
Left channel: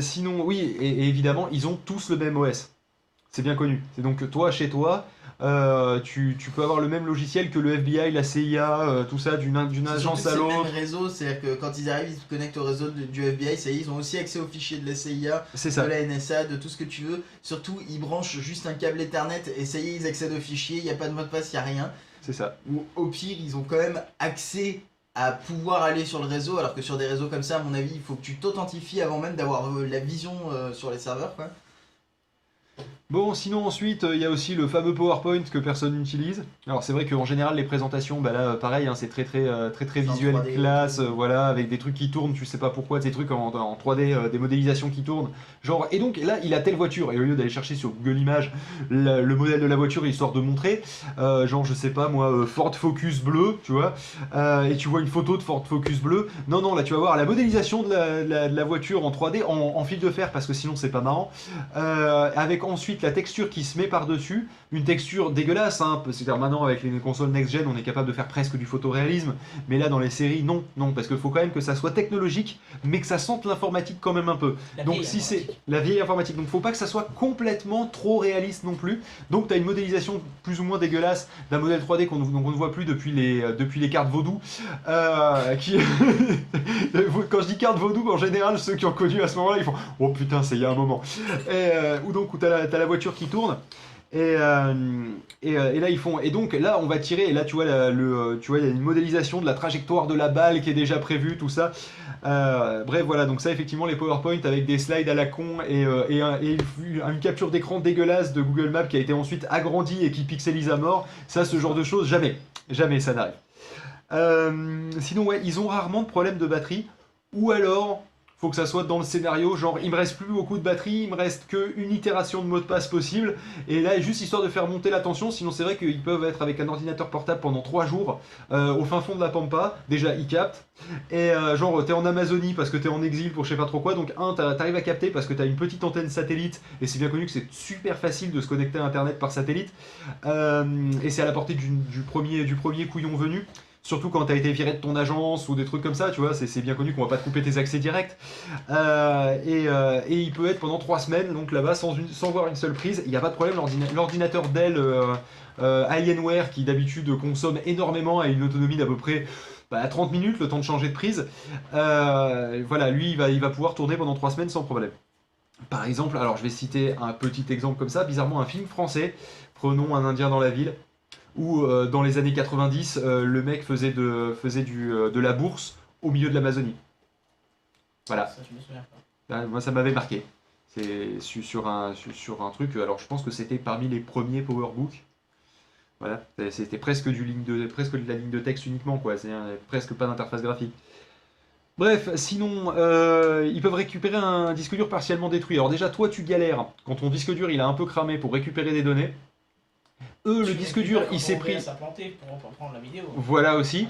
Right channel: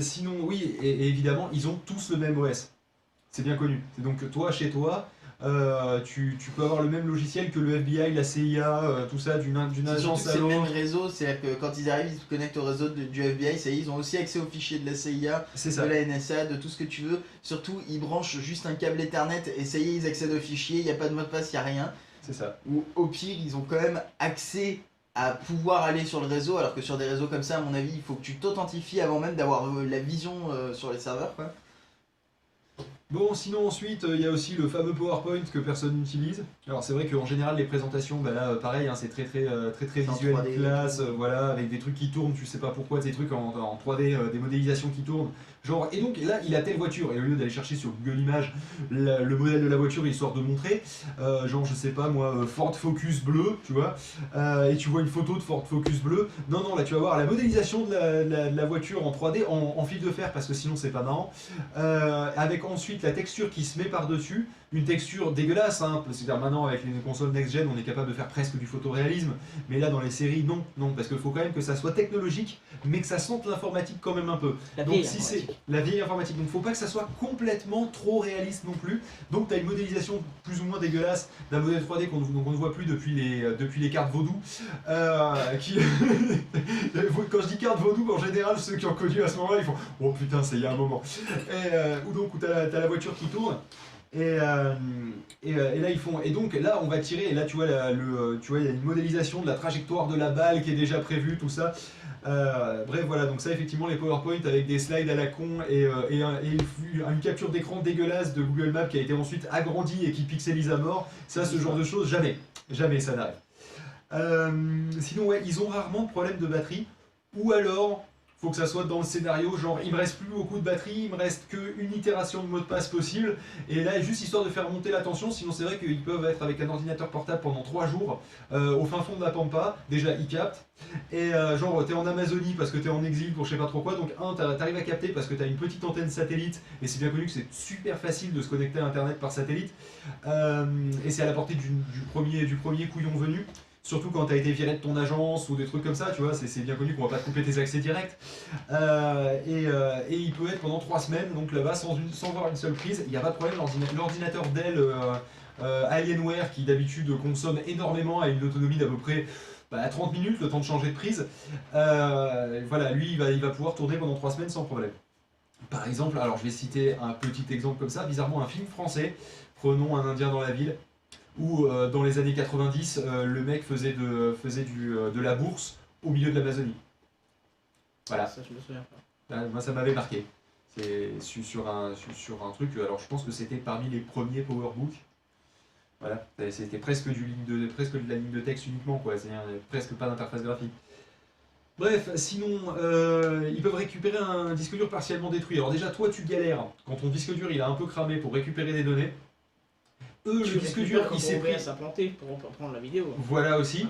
Sinon, oui, et évidemment, ils ont tous le même OS. C'est bien connu. C'est donc toi, chez toi, tu peux avoir le même logiciel que le FBI, la CIA, tout ça, d'une C'est surtout agence que à c'est le l'autre. même réseau, c'est-à-dire que quand ils arrivent, ils se connectent au réseau du FBI, ça y est, ils ont aussi accès aux fichiers de la CIA, C'est de ça. la NSA, de tout ce que tu veux. Surtout, ils branchent juste un câble Ethernet et ça y est, ils accèdent aux fichiers, il n'y a pas de mot de passe, il n'y a rien. C'est ça. Ou au pire, ils ont quand même accès à pouvoir aller sur le réseau, alors que sur des réseaux comme ça, à mon avis, il faut que tu t'authentifies avant même d'avoir la vision sur les serveurs, quoi. Bon, sinon ensuite, il y a aussi le fameux PowerPoint que personne n'utilise. Alors c'est vrai qu'en général, les présentations, bah là, pareil, hein, c'est très C'est en visuel, 3D, classe, voilà, avec des trucs qui tournent, tu sais pas pourquoi, des trucs en 3D, des modélisations qui tournent. Genre, et donc là, il a telle voiture, et au lieu d'aller chercher sur Google Images le modèle de la voiture, histoire de montrer, genre, je sais pas moi, Ford Focus bleu, tu vois, et tu vois une photo de Ford Focus bleu. Non, non, là, tu vas voir la modélisation de la voiture en 3D, en fil de fer, parce que sinon, c'est pas marrant. Avec ensuite la texture qui se met par-dessus, une texture dégueulasse, hein, c'est-à-dire maintenant avec les consoles next-gen on est capable de faire presque du photoréalisme, mais là dans les séries non, parce qu'il faut quand même que ça soit technologique, mais que ça sente l'informatique quand même un peu. La Donc vieille si c'est informatique. la vieille informatique, donc faut pas que ça soit complètement trop réaliste non plus, donc tu as une modélisation plus ou moins dégueulasse d'un modèle 3D qu'on ne voit plus depuis les cartes vaudou, qui... quand je dis carte vaudou, en général ceux qui ont connu à ce moment-là ils font « Oh putain c'est il y a un moment ». Ou donc où t'as la voiture qui tourne. Et là ils font, et donc là on va tirer, et là tu vois tu vois il y a une modélisation de la trajectoire de la balle qui est déjà prévue, tout ça. Bref voilà, donc ça effectivement les PowerPoint avec des slides à la con et une capture d'écran dégueulasse de Google Maps qui a été ensuite agrandie et qui pixelise à mort, ça ce genre de choses jamais ça n'arrive. Sinon ouais, ils ont rarement de problème de batterie, ou alors faut que ça soit dans le scénario, genre il me reste plus beaucoup de batterie, il me reste qu'une itération de mot de passe possible, et là juste histoire de faire monter la tension, sinon c'est vrai qu'ils peuvent être avec un ordinateur portable pendant 3 jours, au fin fond de la pampa, déjà ils captent, et genre t'es en Amazonie parce que t'es en exil pour je sais pas trop quoi, donc t'arrives à capter parce que t'as une petite antenne satellite, et c'est bien connu que c'est super facile de se connecter à internet par satellite, et c'est à la portée du premier couillon venu. Surtout quand tu as été viré de ton agence ou des trucs comme ça, tu vois, c'est bien connu qu'on va pas te couper tes accès directs. Et il peut être pendant 3 semaines, donc là-bas, sans voir une seule prise, il n'y a pas de problème. L'ordinateur Dell Alienware, qui d'habitude consomme énormément, a une autonomie d'à peu près 30 minutes, le temps de changer de prise. Voilà, lui, il va pouvoir tourner pendant 3 semaines sans problème. Par exemple, alors je vais citer un petit exemple comme ça, bizarrement un film français, prenons Un Indien dans la ville, où dans les années 90, le mec faisait de la bourse au milieu de l'Amazonie. Voilà. Ça, je me souviens pas. Moi, ça m'avait marqué. C'est sur un truc, alors je pense que c'était parmi les premiers PowerBook. Voilà, c'était presque de la ligne de texte uniquement, quoi. C'est presque pas d'interface graphique. Bref, sinon, ils peuvent récupérer un disque dur partiellement détruit. Alors déjà, toi, tu galères quand ton disque dur il a un peu cramé pour récupérer des données. Eux, le disque dur, il s'est pris. à planter pour prendre la vidéo. Voilà aussi.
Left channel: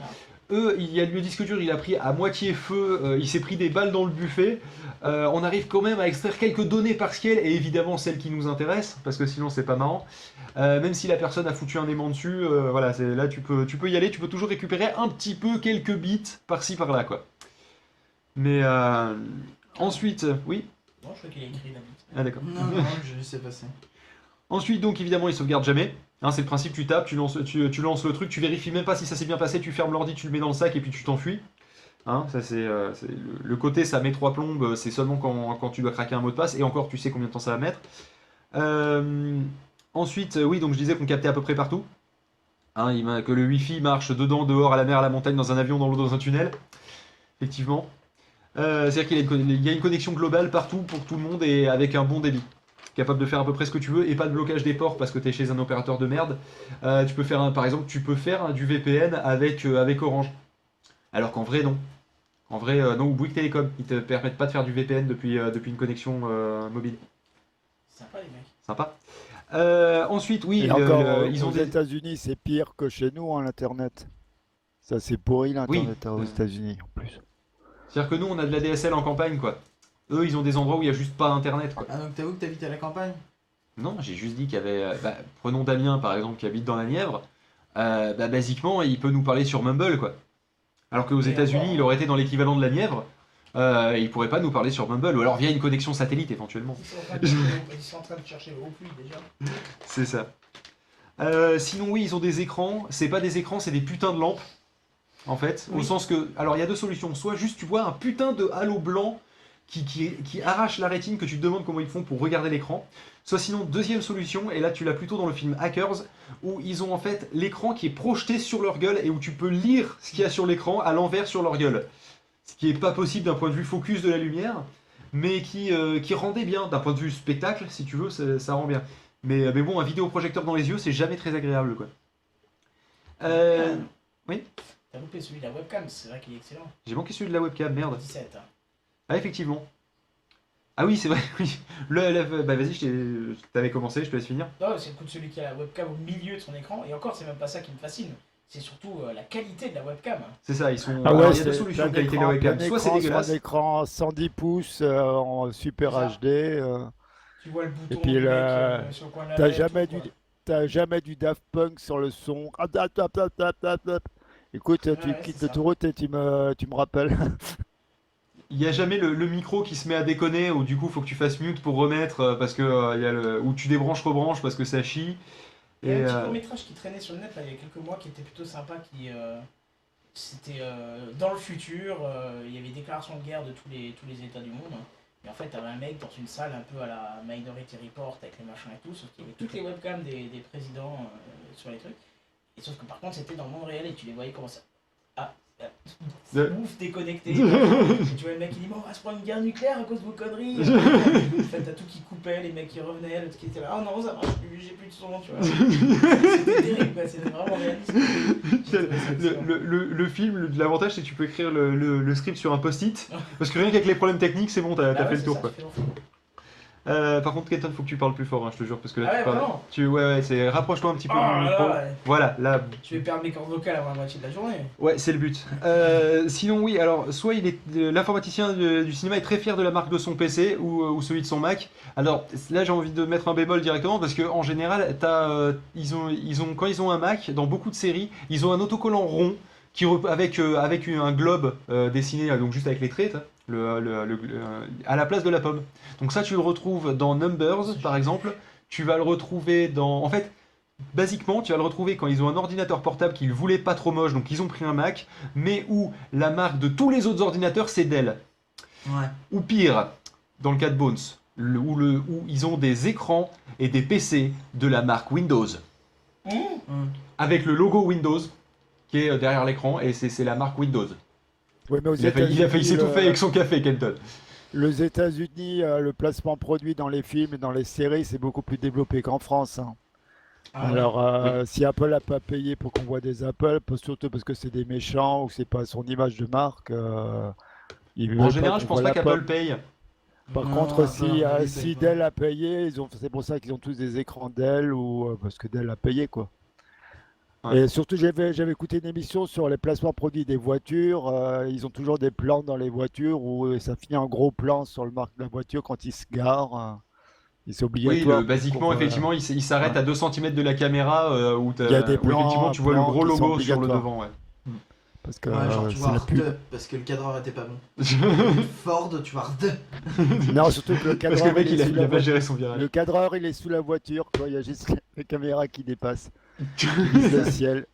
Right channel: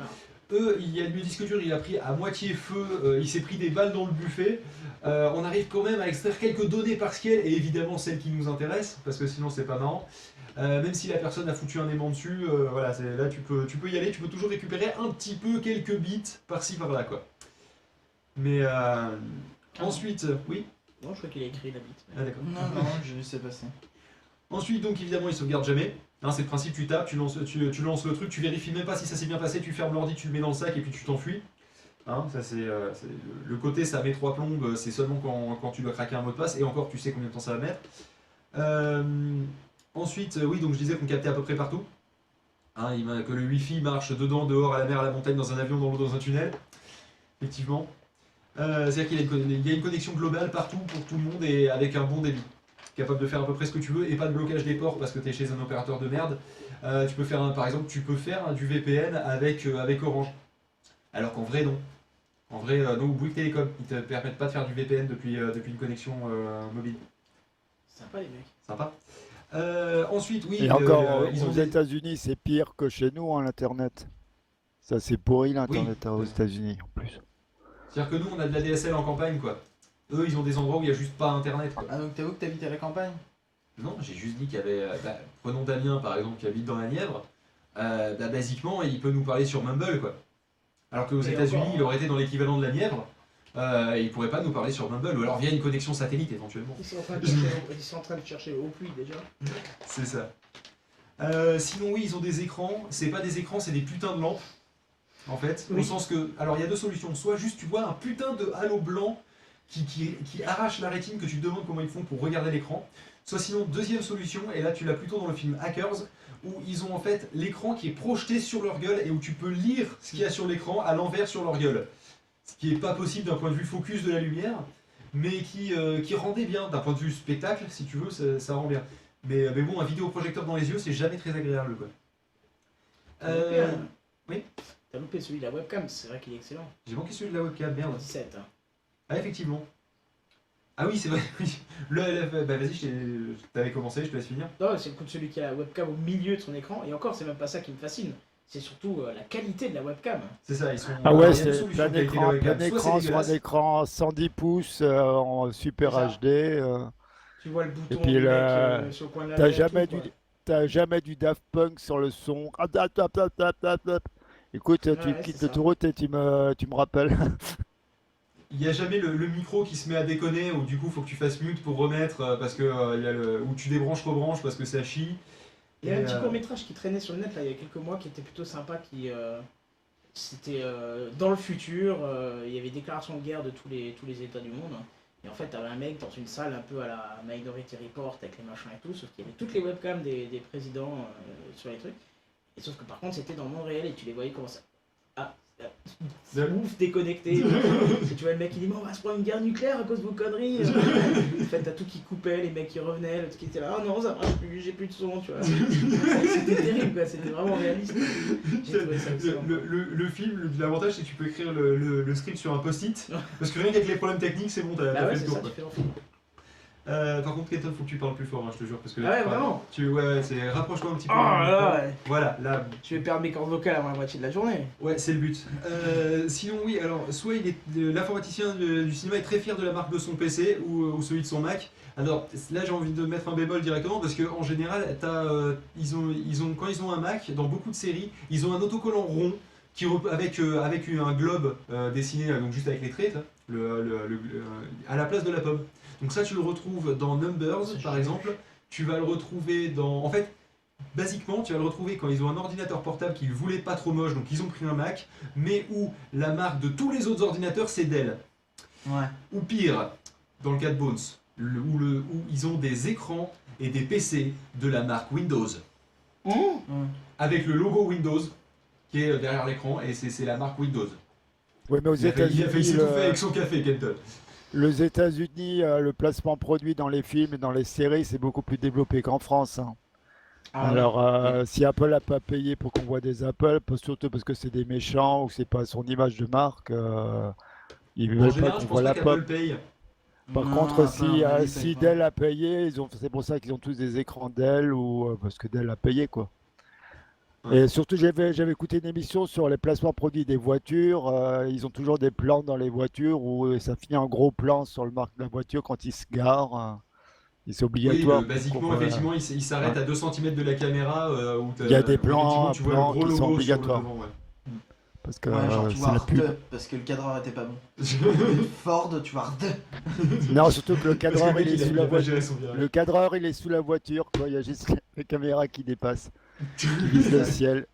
Voilà. Eux, le disque dur, il a pris à moitié feu, il s'est pris des balles dans le buffet. On arrive quand même à extraire quelques données partielles, et évidemment celles qui nous intéressent, parce que sinon c'est pas marrant. Même si la personne a foutu un aimant dessus, voilà, là tu peux y aller, tu peux toujours récupérer un petit peu quelques bits par-ci par-là, quoi. Mais ensuite, oui. Non, je crois qu'il a écrit la bite. Ah d'accord. Non, je sais passer. Ensuite, donc évidemment, il sauvegarde jamais. Hein, c'est le principe, tu tapes, tu lances le truc, tu vérifies même pas si ça s'est bien passé, tu fermes l'ordi, tu le mets dans le sac et puis tu t'enfuis. Hein, ça c'est le côté, ça met 3 plombes, c'est seulement quand tu dois craquer un mot de passe, et encore tu sais combien de temps ça va mettre. Ensuite, oui, donc je disais qu'on captait à peu près partout. Hein, que le wifi marche dedans, dehors, à la mer, à la montagne, dans un avion, dans l'eau, dans un tunnel. Effectivement. C'est-à-dire qu'il y a une connexion globale partout pour tout le monde et avec un bon débit. Capable de faire à peu près ce que tu veux et pas de blocage des ports parce que tu es chez un opérateur de merde. Tu peux faire par exemple, du VPN avec Orange. Alors qu'en vrai, non. En vrai, non, ou Bouygues Télécom. Ils te permettent pas de faire du VPN depuis une connexion mobile. Sympa les mecs. Sympa. Ensuite, oui. Et encore, ils ont aux États-Unis, c'est pire que chez nous, l'Internet. Ça, c'est pourri, l'Internet aux États-Unis, en plus. C'est-à-dire que nous, on a de la DSL en campagne, quoi. Eux, ils ont des endroits où il n'y a juste pas internet, quoi. Ah, donc t'avoues que t'habites à la campagne? Non, j'ai juste dit qu'il y avait. Prenons Damien par exemple qui habite dans la Nièvre. Basiquement, il peut nous parler sur Mumble, quoi. Alors qu'aux Et États-Unis, encore, il aurait été dans l'équivalent de la Nièvre. Il pourrait pas nous parler sur Mumble, ou alors via une connexion satellite éventuellement. Ils sont en train de chercher au pluie déjà. C'est ça. Sinon, oui, ils ont des écrans. C'est pas des écrans, c'est des putains de lampes. En fait, au Oui. sens que. Alors, il y a deux solutions. Soit juste tu vois un putain de halo blanc qui arrache la rétine, que tu te demandes comment ils font pour regarder l'écran. Soit sinon, deuxième solution, et là tu l'as plutôt dans le film Hackers, où ils ont en fait l'écran qui est projeté sur leur gueule et où tu peux lire ce qu'il y a sur l'écran à l'envers sur leur gueule. Ce qui est pas possible d'un point de vue focus de la lumière, mais qui rendait bien. D'un point de vue spectacle, si tu veux, ça rend bien. Mais bon, un vidéoprojecteur dans les yeux, c'est jamais très agréable, quoi. Oui. T'as loupé celui de la webcam, c'est vrai qu'il est excellent. J'ai manqué celui de la webcam, merde. 17. Hein. Ah, effectivement. Ah oui, c'est vrai, oui. Vas-y, t'avais commencé, je te laisse finir. Non, c'est le coup de celui qui a la webcam au milieu de son écran. Et encore, c'est même pas ça qui me fascine. C'est surtout la qualité de la webcam. C'est ça, ils sont. Ah alors, ouais, il y a deux c'est solutions plein de qualité de la écran, webcam. plein Soit écran c'est sur un dégueulasse. écran 110 pouces en super Ça. HD. Tu vois le bouton puis du mec, là, sur le coin de la T'as lèvre, jamais tout, du, quoi. t'as jamais du Daft Punk sur le son. Ah, tap, tap, tap, tap, tap, tap. Écoute, tu Ouais, quittes c'est ça. l'autoroute et tu me rappelles. Il n'y a jamais le micro qui se met à déconner, ou du coup faut que tu fasses mute pour remettre, parce que il y a ou tu débranches, rebranches parce que ça chie. Il y a un petit euh, court-métrage qui traînait sur le net là, il y a quelques mois qui était plutôt sympa. C'était dans le futur, il y avait déclaration de guerre de tous les États du monde. Et en fait, t'avais un mec dans une salle un peu à la Minority Report avec les machins et tout, sauf qu'il y avait toutes les webcams des présidents sur les trucs. Et sauf que par contre, c'était dans le monde réel et tu les voyais commencer ouf, déconnecté. Et tu vois le mec qui dit, mais on va se prendre une guerre nucléaire à cause de vos conneries. En fait, t'as tout qui coupait, les mecs qui revenaient, l'autre qui était là, ah non, ça marche plus, j'ai plus de son, tu vois. C'était terrible, quoi, c'était vraiment réaliste. J'ai trouvé ça excellent. Le film, l'avantage c'est que tu peux écrire le script sur un post-it, parce que rien qu'avec les problèmes techniques, c'est bon, t'as Ah ouais, fait le c'est tour, ça, quoi. tu fais l'enfant. Par contre, Kenton, faut que tu parles plus fort, hein, je te jure, parce que là, Ah tu ouais, parles- vraiment Ouais, c'est rapproche-toi un petit peu Oh du là micro. là, ouais. Voilà, là, Je vais perdre mes cordes vocales avant la moitié de la journée. ouais, c'est le but. Sinon, oui, alors, soit l'informaticien du cinéma est très fier de la marque de son PC ou celui de son Mac. Alors là, j'ai envie de mettre un bémol directement parce qu'en général, quand ils ont un Mac, dans beaucoup de séries, ils ont un autocollant rond avec un globe dessiné, donc juste avec les traits, à la place de la pomme. Donc ça, tu le retrouves dans Numbers, par exemple. Tu vas le retrouver dans... En fait, basiquement, tu vas le retrouver quand ils ont un ordinateur portable qu'ils voulaient pas trop moche, donc ils ont pris un Mac, mais où la marque de tous les autres ordinateurs, c'est Dell. Ouais. Ou pire, dans le cas de Bones, où ils ont des écrans et des PC de la marque Windows. Avec le logo Windows qui est derrière l'écran, et c'est la marque Windows. Ouais, mais aux Il a failli États-Unis, s'étouffer avec son café, Kenton. les États-Unis, le placement produit dans les films et dans les séries, c'est beaucoup plus développé qu'en France, hein. Ah ouais. Alors, si Apple n'a pas payé pour qu'on voit des Apple, surtout parce que c'est des méchants ou c'est pas son image de marque, ils En veulent pas général, qu'on je voit pense la pas pomme. qu'Apple paye. Par Non, contre, Apple, si paye pas. Dell a payé, c'est pour ça qu'ils ont tous des écrans Dell ou parce que Dell a payé quoi. Ouais. Et surtout, j'avais écouté une émission sur les placements produits des voitures. Ils ont toujours des plans dans les voitures où ça finit en gros plan sur le marque de la voiture quand ils se garent. Et c'est Oui, obligatoire. basiquement, pour qu'on voit- effectivement, il s'arrête Ouais. à 2 cm de la caméra où Il y a des où plans- effectivement, tu vois le plans gros qui logo sont sur le obligatoires. devant. Ouais. Parce que Ouais, genre tu c'est vois la pub. RD parce que le cadreur était pas bon. Ford, tu vois RD. Non, surtout que le Parce que cadreur, le mec, il est il a sous il la a pas voiture. géré son virage. Le cadreur, il est sous la voiture, quoi. Il y a juste la caméra qui dépasse, qui vise le ciel.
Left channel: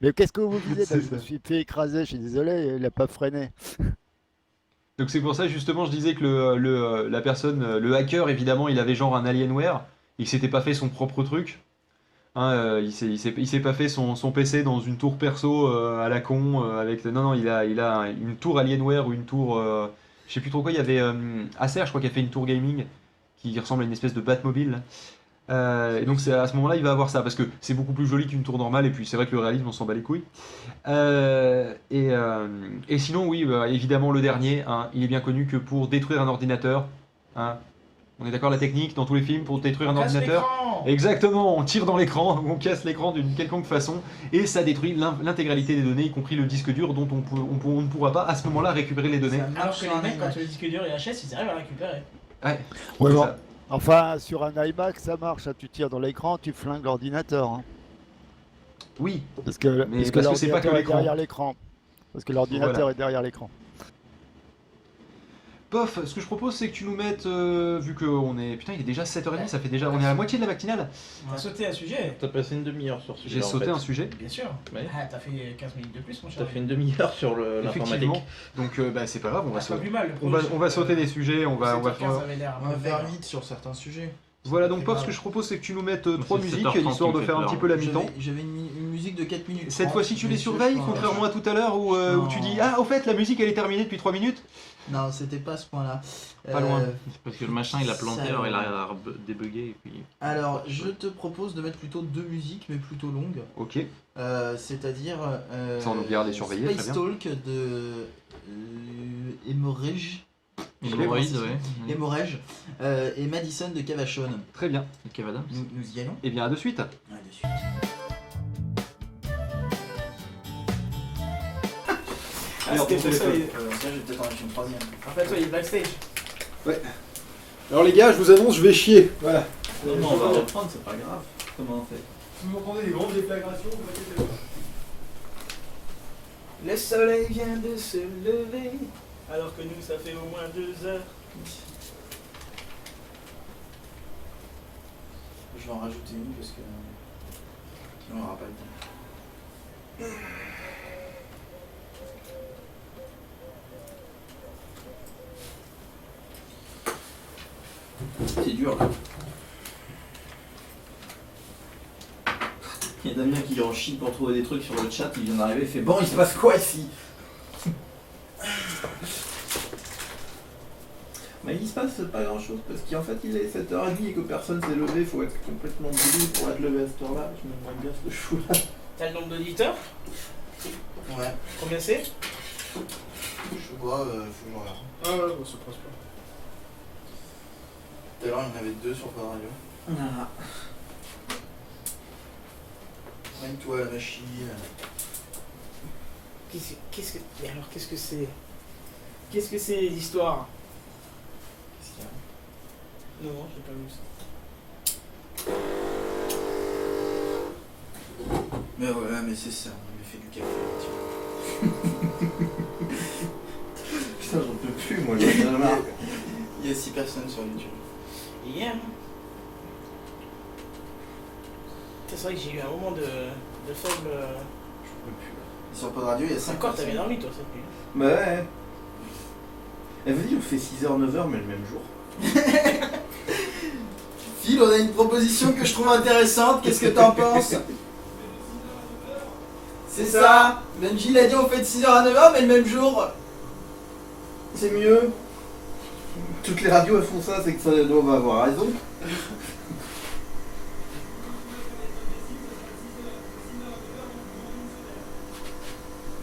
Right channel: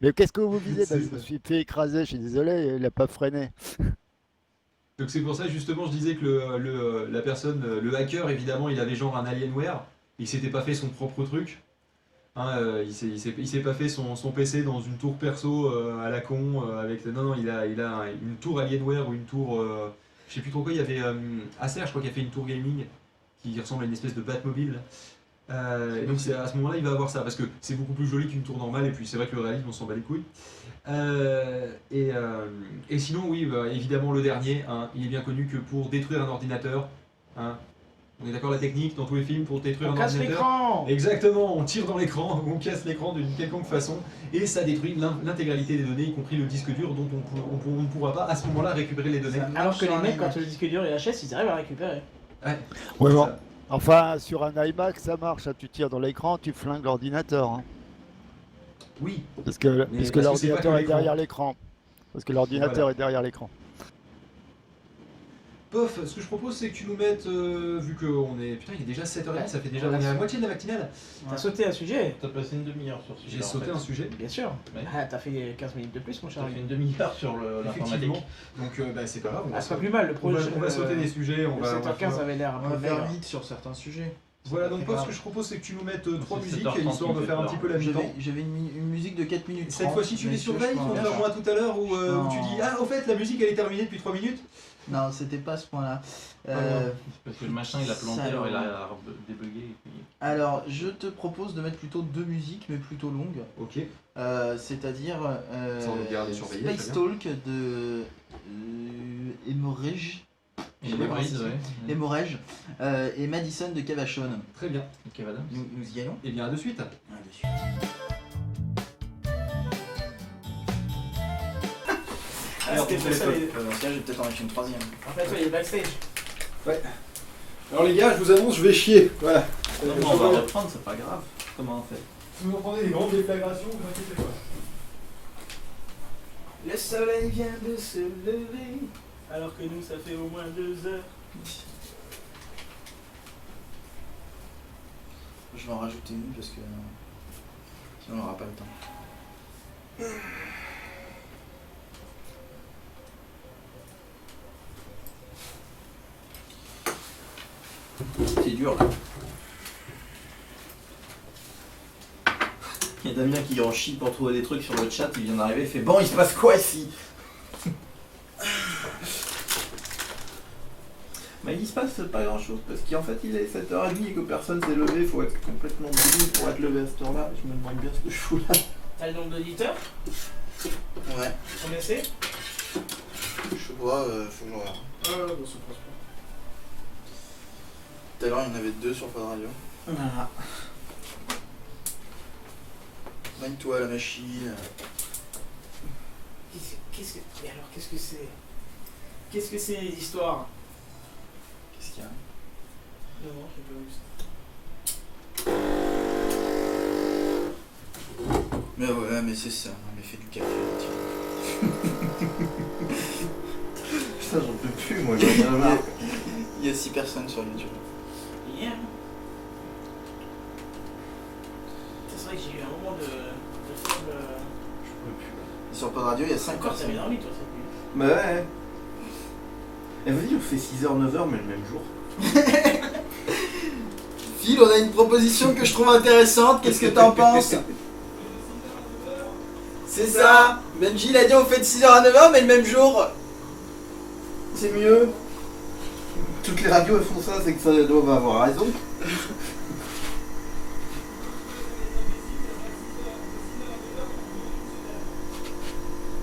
Mais qu'est-ce que vous visez? C'est Je me ça. suis fait écraser, je suis désolé, il n'a pas freiné. Donc c'est pour ça justement je disais que la personne, le hacker évidemment il avait genre un Alienware, il s'était pas fait son propre truc, hein, il s'est pas fait son PC dans une tour perso à la con avec non il a une tour Alienware ou une tour je sais plus trop quoi, il y avait Acer je crois qui a fait une tour gaming qui ressemble à une espèce de Batmobile. Donc c'est à ce moment-là il va avoir ça parce que c'est beaucoup plus joli qu'une tour normale et puis c'est vrai que le réalisme on s'en bat les couilles. Et sinon oui évidemment le dernier hein, il est bien connu que pour détruire un ordinateur hein, On est d'accord, la technique dans tous les films pour détruire On un casse ordinateur. l'écran. Exactement, on tire dans l'écran, on casse l'écran d'une quelconque façon et ça détruit l'intégralité des données, y compris le disque dur dont on ne pourra pas à ce moment-là récupérer les données. Ça marche Alors que sur les un mecs, iMac. quand le disque dur est HS, ils arrivent à le récupérer. Ouais. Ouais, bon. Ça- Enfin, sur un iMac, ça marche. Hein. Tu tires dans l'écran, tu flingues l'ordinateur. Hein. Oui, Parce que parce que c'est l'ordinateur pas que est derrière l'écran. Parce que l'ordinateur Voilà. est derrière l'écran. Pof, ce que je propose c'est que tu nous mettes, vu qu'on est... Putain, il est déjà 7h30, ça fait déjà... On est à la moitié de la matinale. T'as sauté un sujet. T'as passé une demi-heure sur ce sujet. J'ai en sauté fait. un sujet. Bien sûr. Ouais. Ah, t'as fait 15 minutes de plus, mon cher. T'as fait une demi-heure sur Effectivement. l'informatique. Donc bah, c'est pas grave, on va, Ah, c'est pas sauter, plus mal le projet. on va sauter des sujets, on va... 7h15 avait l'air un On va peu faire maigre. vite sur certains sujets. Voilà, C'est donc pas Pof, très ce que grave. je propose c'est que tu nous mettes C'est 3 musiques, 7h30 histoire de qui me faire fait un peur. petit peu l'habitant. J'avais une musique de 4 minutes. Cette 30, fois-ci tu mais les celui-là, surveilles, je pense- contrairement à tout à l'heure où tu dis « Ah, au fait, la musique elle est terminée depuis 3 minutes ». Non, c'était pas à ce point-là. Pas loin. C'est parce que le machin il a planté, ça, alors il a débugué et puis. Alors, je te propose de mettre plutôt 2 musiques, mais plutôt longues. Ok. C'est-à-dire Sans nous garder surveillés, très Space bien. Talk de Hemorrhage. Je sais pas comment ça se dit. Hemorrhage, et Madison de Cavachon. Très bien. Kev Adams. Nous y allons. Et bien à de suite. Dessus. Alors, C'était ton pour ça, téléphone. Tiens, je vais peut-être en mettre une troisième. Rappelle-toi, il est backstage. Alors les gars, je vous annonce, je vais chier. Voilà. Non, mais on va reprendre, c'est pas grave. Comment on fait? Vous entendez des grandes déflagrations, vous inquiétez pas. Le soleil vient de se lever, alors que nous, ça fait au moins 2 heures. Je vais en rajouter une parce que sinon on n'aura pas le temps. C'est dur là. Il y a Damien qui en chie pour trouver des trucs sur le chat, il vient d'arriver, il fait bon, il se passe quoi ici? Bah, il se passe pas grand chose parce qu'en fait il est 7h30 et que personne s'est levé, il faut être complètement débile pour être levé à cette heure-là. Je me demande bien ce que je fous là. T'as le nombre d'auditeurs? Ouais, Combien c'est? je vois, faut que je regarde. Ah ouais, bon, ça passe pas. Tout à l'heure il y en avait 2 sur Pod Radio. Voilà. Mine-toi la machine. Mais alors, qu'est-ce que c'est? Qu'est-ce que c'est l'histoire? Qu'est-ce qu'il y a? Non, j'ai pas vu ça. Mais ouais, mais c'est ça, on a fait du café. Tiens. Putain, j'en peux plus, moi, j'en ai marre. Il y a 6 personnes sur YouTube. Hier. C'est vrai que j'ai eu un moment de faible. Sur Pod Radio, il y a 5 Encore, t'avais personnes. dormi toi cette nuit. Bah ouais. Et vas-y, on fait 6h, 9h, mais le même jour. Phil, on a une proposition que je trouve intéressante, qu'est-ce que t'en penses? C'est ça! Benji l'a dit, on fait de 6h à 9h, mais le même jour! C'est mieux. Toutes les radios elles font ça, c'est que ça doit avoir raison.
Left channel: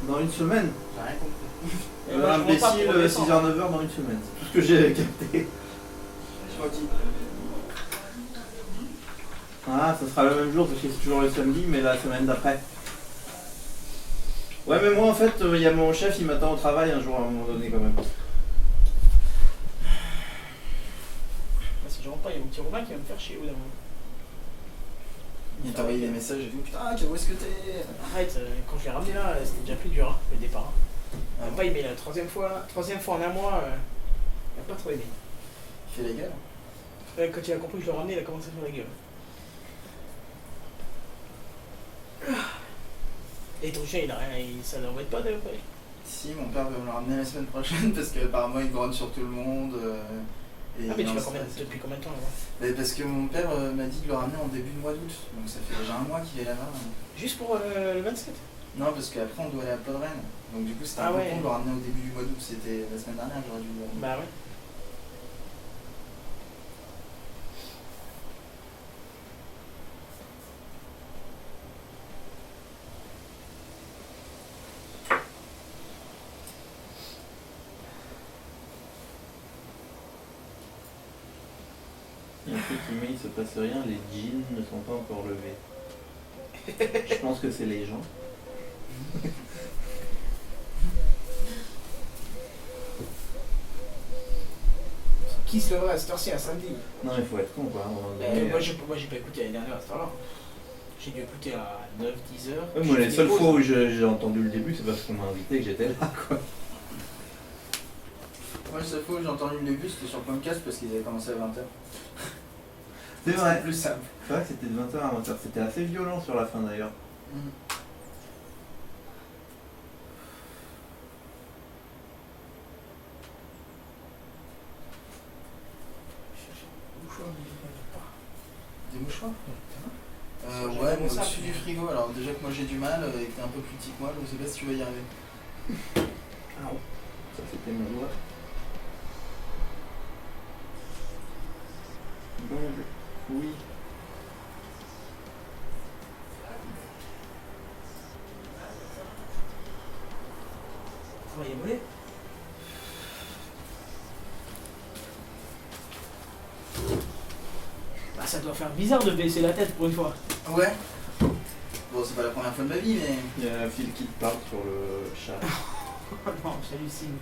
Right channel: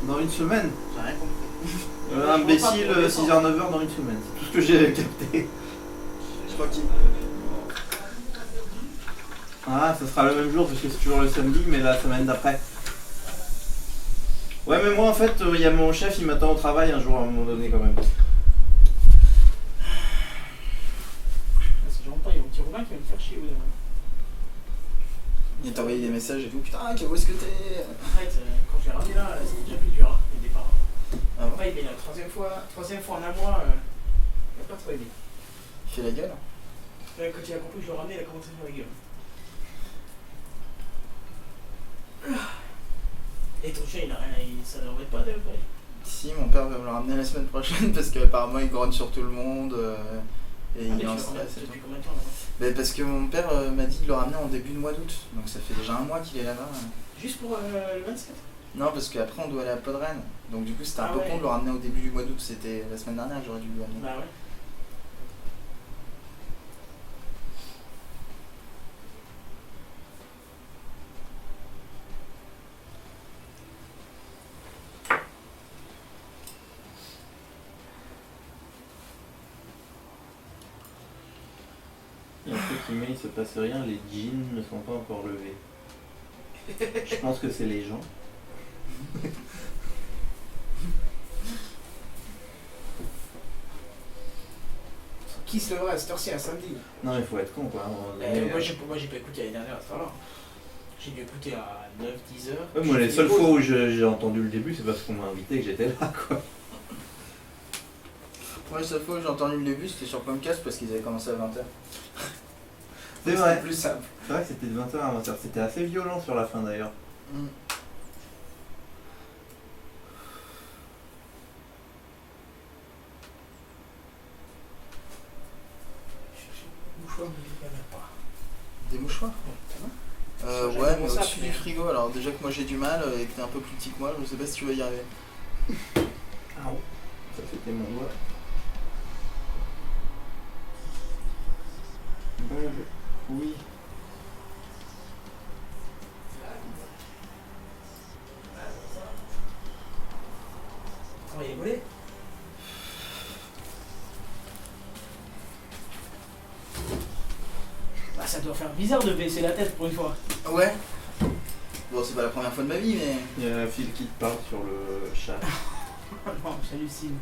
Dans une semaine. J'ai rien compris. Imbécile, 6h, 9h dans une semaine. C'est tout ce que j'ai capté. Je crois qu'il. Ah, ça sera le même jour parce que c'est toujours le samedi, mais la semaine d'après. Ouais, mais moi en fait, il y a mon chef, il m'attend au travail un jour à un moment donné quand même. Si je rentre pas, il y a mon petit Romain qui va me faire chier au bout d'un moment. Il t'a envoyé des messages et tout, putain, où est-ce que t'es? Arrête, quand je l'ai ramené là, c'était déjà plus dur, hein, le départ. Ah bon? Pas aimé la troisième fois en un mois, il a pas trop aimé. Il fait la gueule? Quand il a compris que je le ramenais, il a commencé à faire la gueule. Et ton chien, ça ne l'embête pas de pas. Si, mon père veut me le ramener la semaine prochaine parce qu'apparemment il grogne sur tout le monde. Et Ah, mais il est tu en vas stress. depuis combien de temps là? Mais parce que mon père m'a dit de le ramener en début de mois d'août, donc ça fait déjà un mois qu'il est là-bas. Juste pour le 27? Non, parce qu'après on doit aller à Podren, donc du coup c'était un Ah peu ouais. con de le ramener au début du mois d'août, c'était la semaine dernière que j'aurais dû le ramener. Bah ouais. truc qui met il se passe rien, les jeans ne sont pas encore levés. Je pense que c'est les gens. Qui se lèverait à cette heure-ci un samedi? Non, il faut être con quoi. à un moment donné. Moi j'ai pas écouté l'année dernière à cette heure-là. J'ai dû écouter à 9-10 heures. Ouais, moi, J'ai les fait seules pause. fois où j'ai entendu le début, c'est parce qu'on m'a invité et que j'étais là quoi. Moi, la seule fois où j'ai entendu le début, c'était sur Comcast parce qu'ils avaient commencé à 20h. C'est vrai. C'était plus simple. C'est vrai que c'était de 20h à 20h. C'était assez violent sur la fin d'ailleurs. Mouchoir, mais il y en a pas. Des mouchoirs J'ai Ouais, mais commencé à au-dessus du finir. frigo. Alors, déjà que moi j'ai du mal et que t'es un peu plus petit que moi, je sais pas si tu vas y arriver. Ah ouais. Ça c'était mon doigt. Oui. Travailler volé. Bah ça doit faire bizarre de baisser la tête pour une fois. Ouais. Bon, c'est pas la première fois de ma vie, mais. Il y a Phil qui te parle sur le chat. Non, j'hallucine.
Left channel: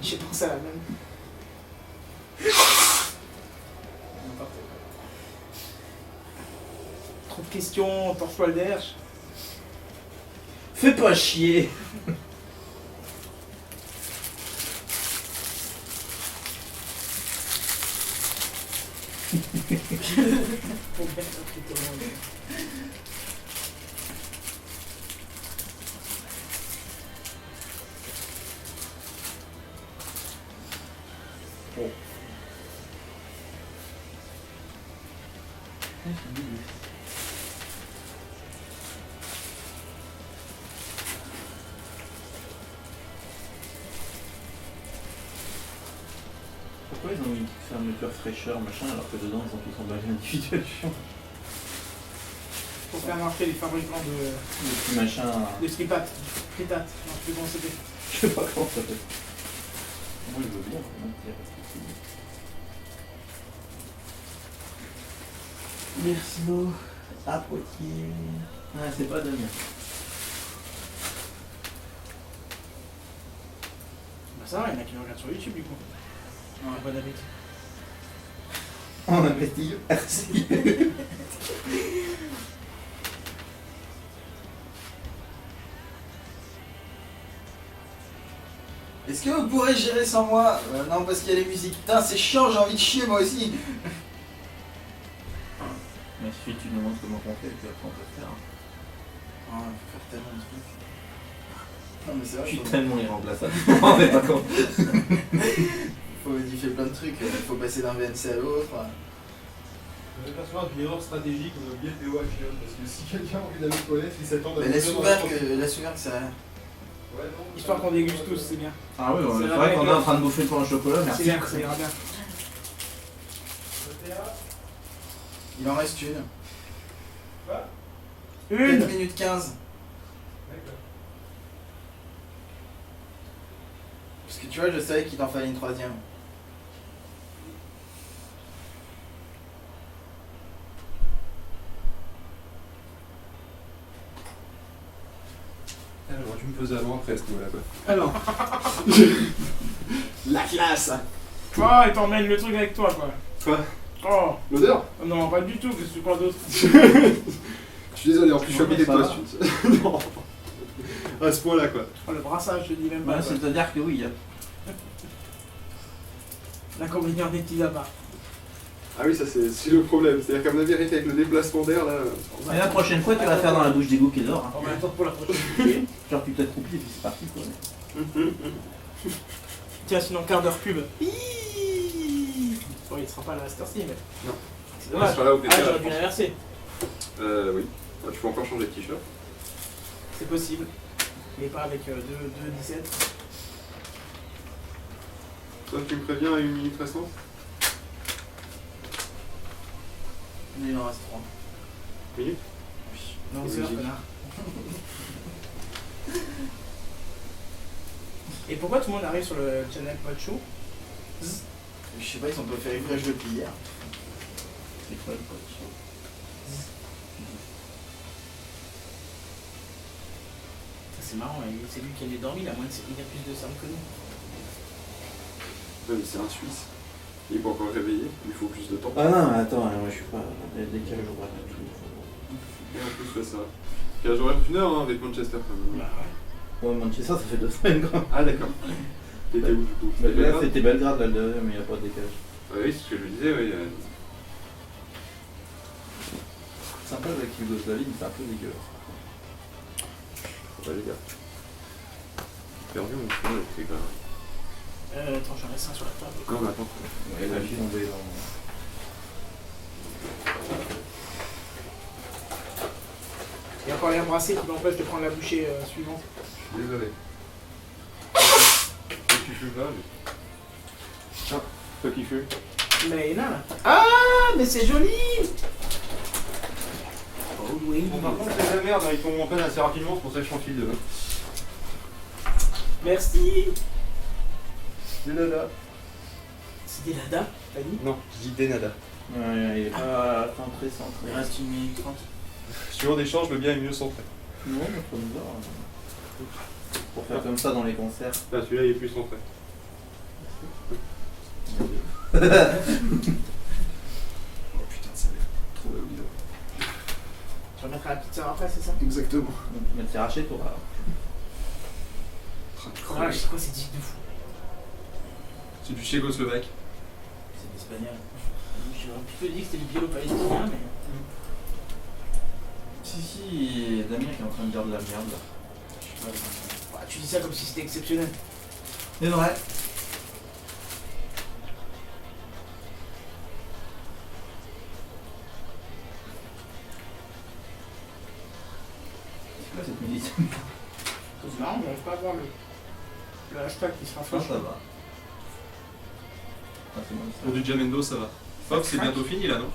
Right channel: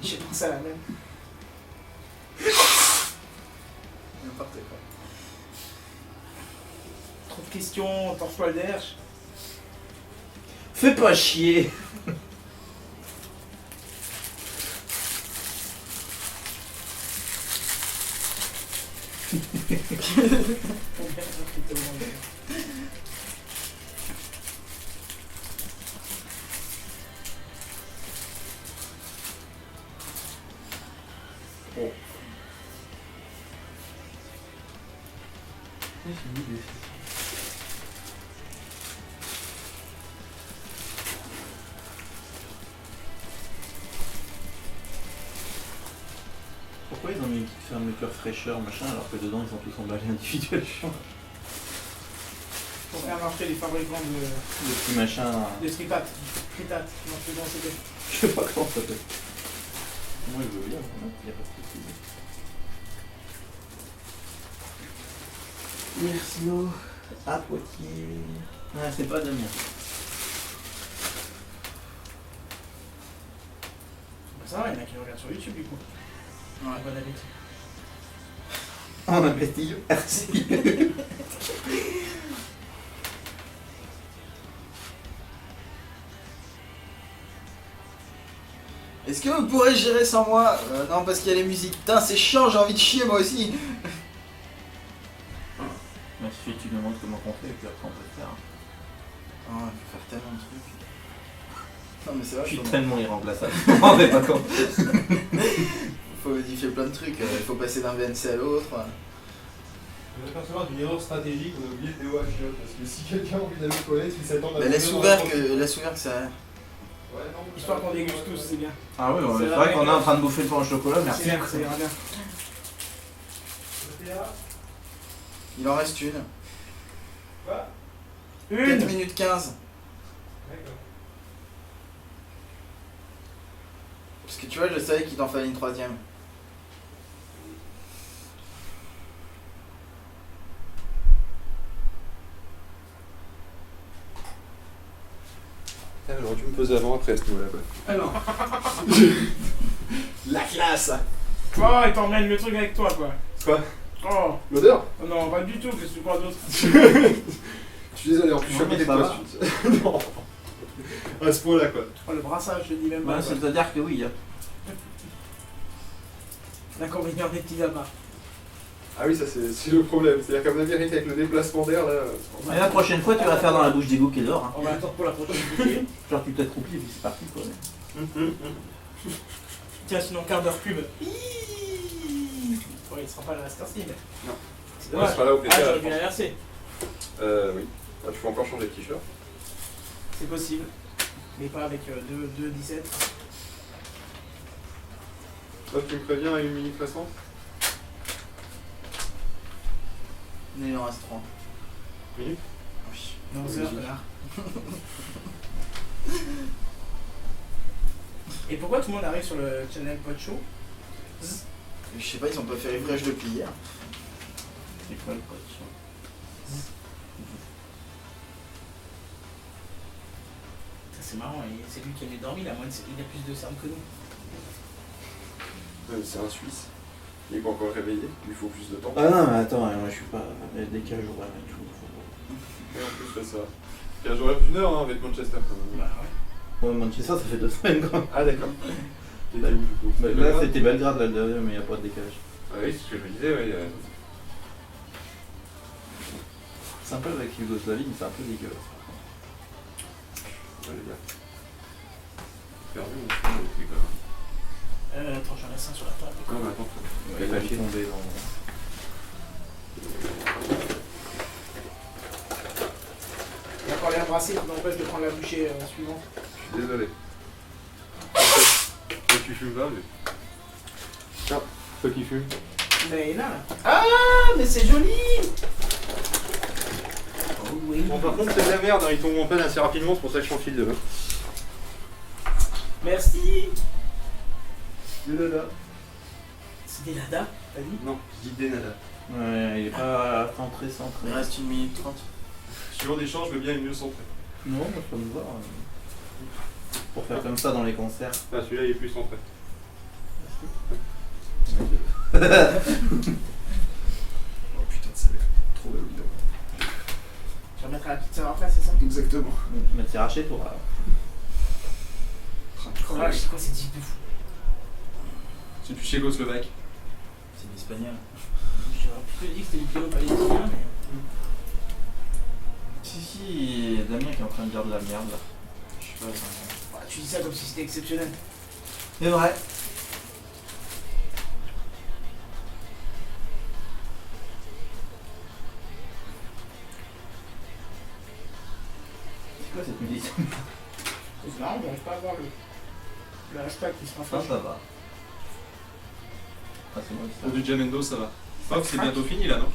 J'ai pensé à la même. N'importe quoi. Trop de questions, torche-toi le derche. Fais pas chier. Pour bien recruter au moins. Pourquoi ils ont mis une petite fermeture fraîcheur machin alors que dedans ils ont tous emballé individuellement? Pour faire marcher les fabricants Le petit machin. de stripat. Fritat. Non, je sais comment c'était. Je sais pas comment ça s'appelle. Moi je veux bien, hein, y a pas de souci. Merci l'eau. À Poitiers. Ah, c'est pas Damien. Bah ça va, il y en a qui regardent sur YouTube du coup. Ouais. Bon appétit. On a petit. Merci. Est-ce que vous pourrez gérer sans moi? Non, parce qu'il y a les musiques. Putain, c'est chiant, j'ai envie de chier moi aussi. Mais ensuite tu nous montres comment on fait et puis après on peut le faire. Oh, faut faire tellement de trucs. Non, mais c'est vrai, Je suis faut- tellement irremplaçable. Je m'en rendais pas compte. faut modifier plein de trucs. Il faut passer d'un VNC à l'autre. Je vais percevoir d'une erreur stratégique, on a oublié le PO action, parce que si quelqu'un a envie d'aller aux toilettes, il s'attend à... Mais laisse ouvert que ça. Ouais, non, Histoire qu'on déguste tous, c'est bien. Ah oui, C'est c'est la vrai qu'on est règle. en train de bouffer le pain au chocolat, C'est merci. bien, ça ira bien. Il en reste une. Quoi 4 Une. minutes 15. D'accord. Parce que tu vois, je savais qu'il t'en fallait une troisième. Alors, tu me poses avant, après, à ce niveau-là, quoi. Alors. La classe. Oh, il t'emmène le truc avec toi quoi. Quoi? Oh. L'odeur? Non, pas du tout, qu'est-ce que tu crois d'autre? Je suis désolé, en plus, je suis Non, mais habillé ça de va. toi. Non. À ce point-là, quoi. Oh, le brassage, je te dis même pas. Ouais, quoi. c'est-à-dire que oui. L'inconvénient des petits appâts. Ah oui, ça, c'est le problème. C'est-à-dire qu'à mon avis, rien qu'avec le déplacement d'air, là... Et la prochaine fois, tu vas faire dans la bouche d'égout qui est dehors. Hein. On va attendre pour la prochaine bouchée. Genre, tu t'accroupis et puis c'est parti quoi. Tiens, sinon, quart d'heure pub. Bon, il sera pas là à cette heure-ci, mais. Non. C'est On dommage. sera là au Ah, PTA, j'aurais je dû pense. l'inverser. Oui. Ah, tu peux encore changer de t-shirt. C'est possible. Mais pas avec 2-17. Toi, tu me préviens à 1 minute restante? Il en reste 3. Minute? Non, Oui, c'est là, oui. connard. Et pourquoi tout le monde arrive sur le channel Pod Show? Je sais pas, ils ont pas fait refresh depuis hier. C'est quoi le pote? C'est marrant, c'est lui qui a dormi, il a plus de cernes que nous. Ouais, mais c'est un Suisse. Il est pas encore réveillé, il faut plus de temps. Ah non, mais attends, moi je suis pas. Il y a des décalages horaires et tout. Et en plus, ça. 15 horaires d'une heure hein, avec Manchester quand même. Bah ouais. Ouais, Manchester, ça fait 2 semaines quoi. Ah d'accord. T'étais où du coup? Bah, là, Belgrade? c'était Belgrade là, le dernier, mais il n'y a pas de décalage. Ah oui, c'est ce que je me disais, oui. C'est un peu avec Yougoslavie, mais c'est un peu dégueulasse. Ouais, les gars. Perdu mon film, c'est quand même. Attends, j'en laisse un sur la table. Non, mais attends. Il a failli tomber dans. Il y a encore l'air brassé qui m'empêche de prendre la bouchée suivante. Je suis désolé. Toi qui fumes là, mais. Tiens, toi qui fumes. Mais il y en a là. Ah, mais c'est joli. Oh oui. Bon, par contre, c'est de la merde, hein, ils tombent en panne assez rapidement, c'est pour ça que je t'en file deux. Merci. Des nada. C'est des ladas, t'as dit? Non, je dis des nada. Ouais, il est pas centré, centré. Il reste 1 minute 30. Suivant des chances, je veux bien être mieux centré. Non, mais faut me voir. Pour faire comme ça dans les concerts. Ah, celui-là, il est plus centré. Oh putain, ça va être trop la vidéo. Tu remettras la petite sœur après, c'est ça? Exactement. Mais t'es raché toi. Voilà, je sais quoi, c'est type de fou. C'est du tchécoslovaque. C'est l'espagnol. J'aurais plutôt dit que c'était du biélo-palestinien, mais. Si, Damien qui est en train de dire de la merde là. Je sais pas. Bah, tu dis ça comme si c'était exceptionnel. C'est vrai. C'est quoi cette musique? C'est marrant, j'arrive pas à voir le hashtag qui se Ça, rafraîchit. ça va. Ah, c'est moi Pour du Jamendo, ça va. Hop, c'est bientôt fini là, non?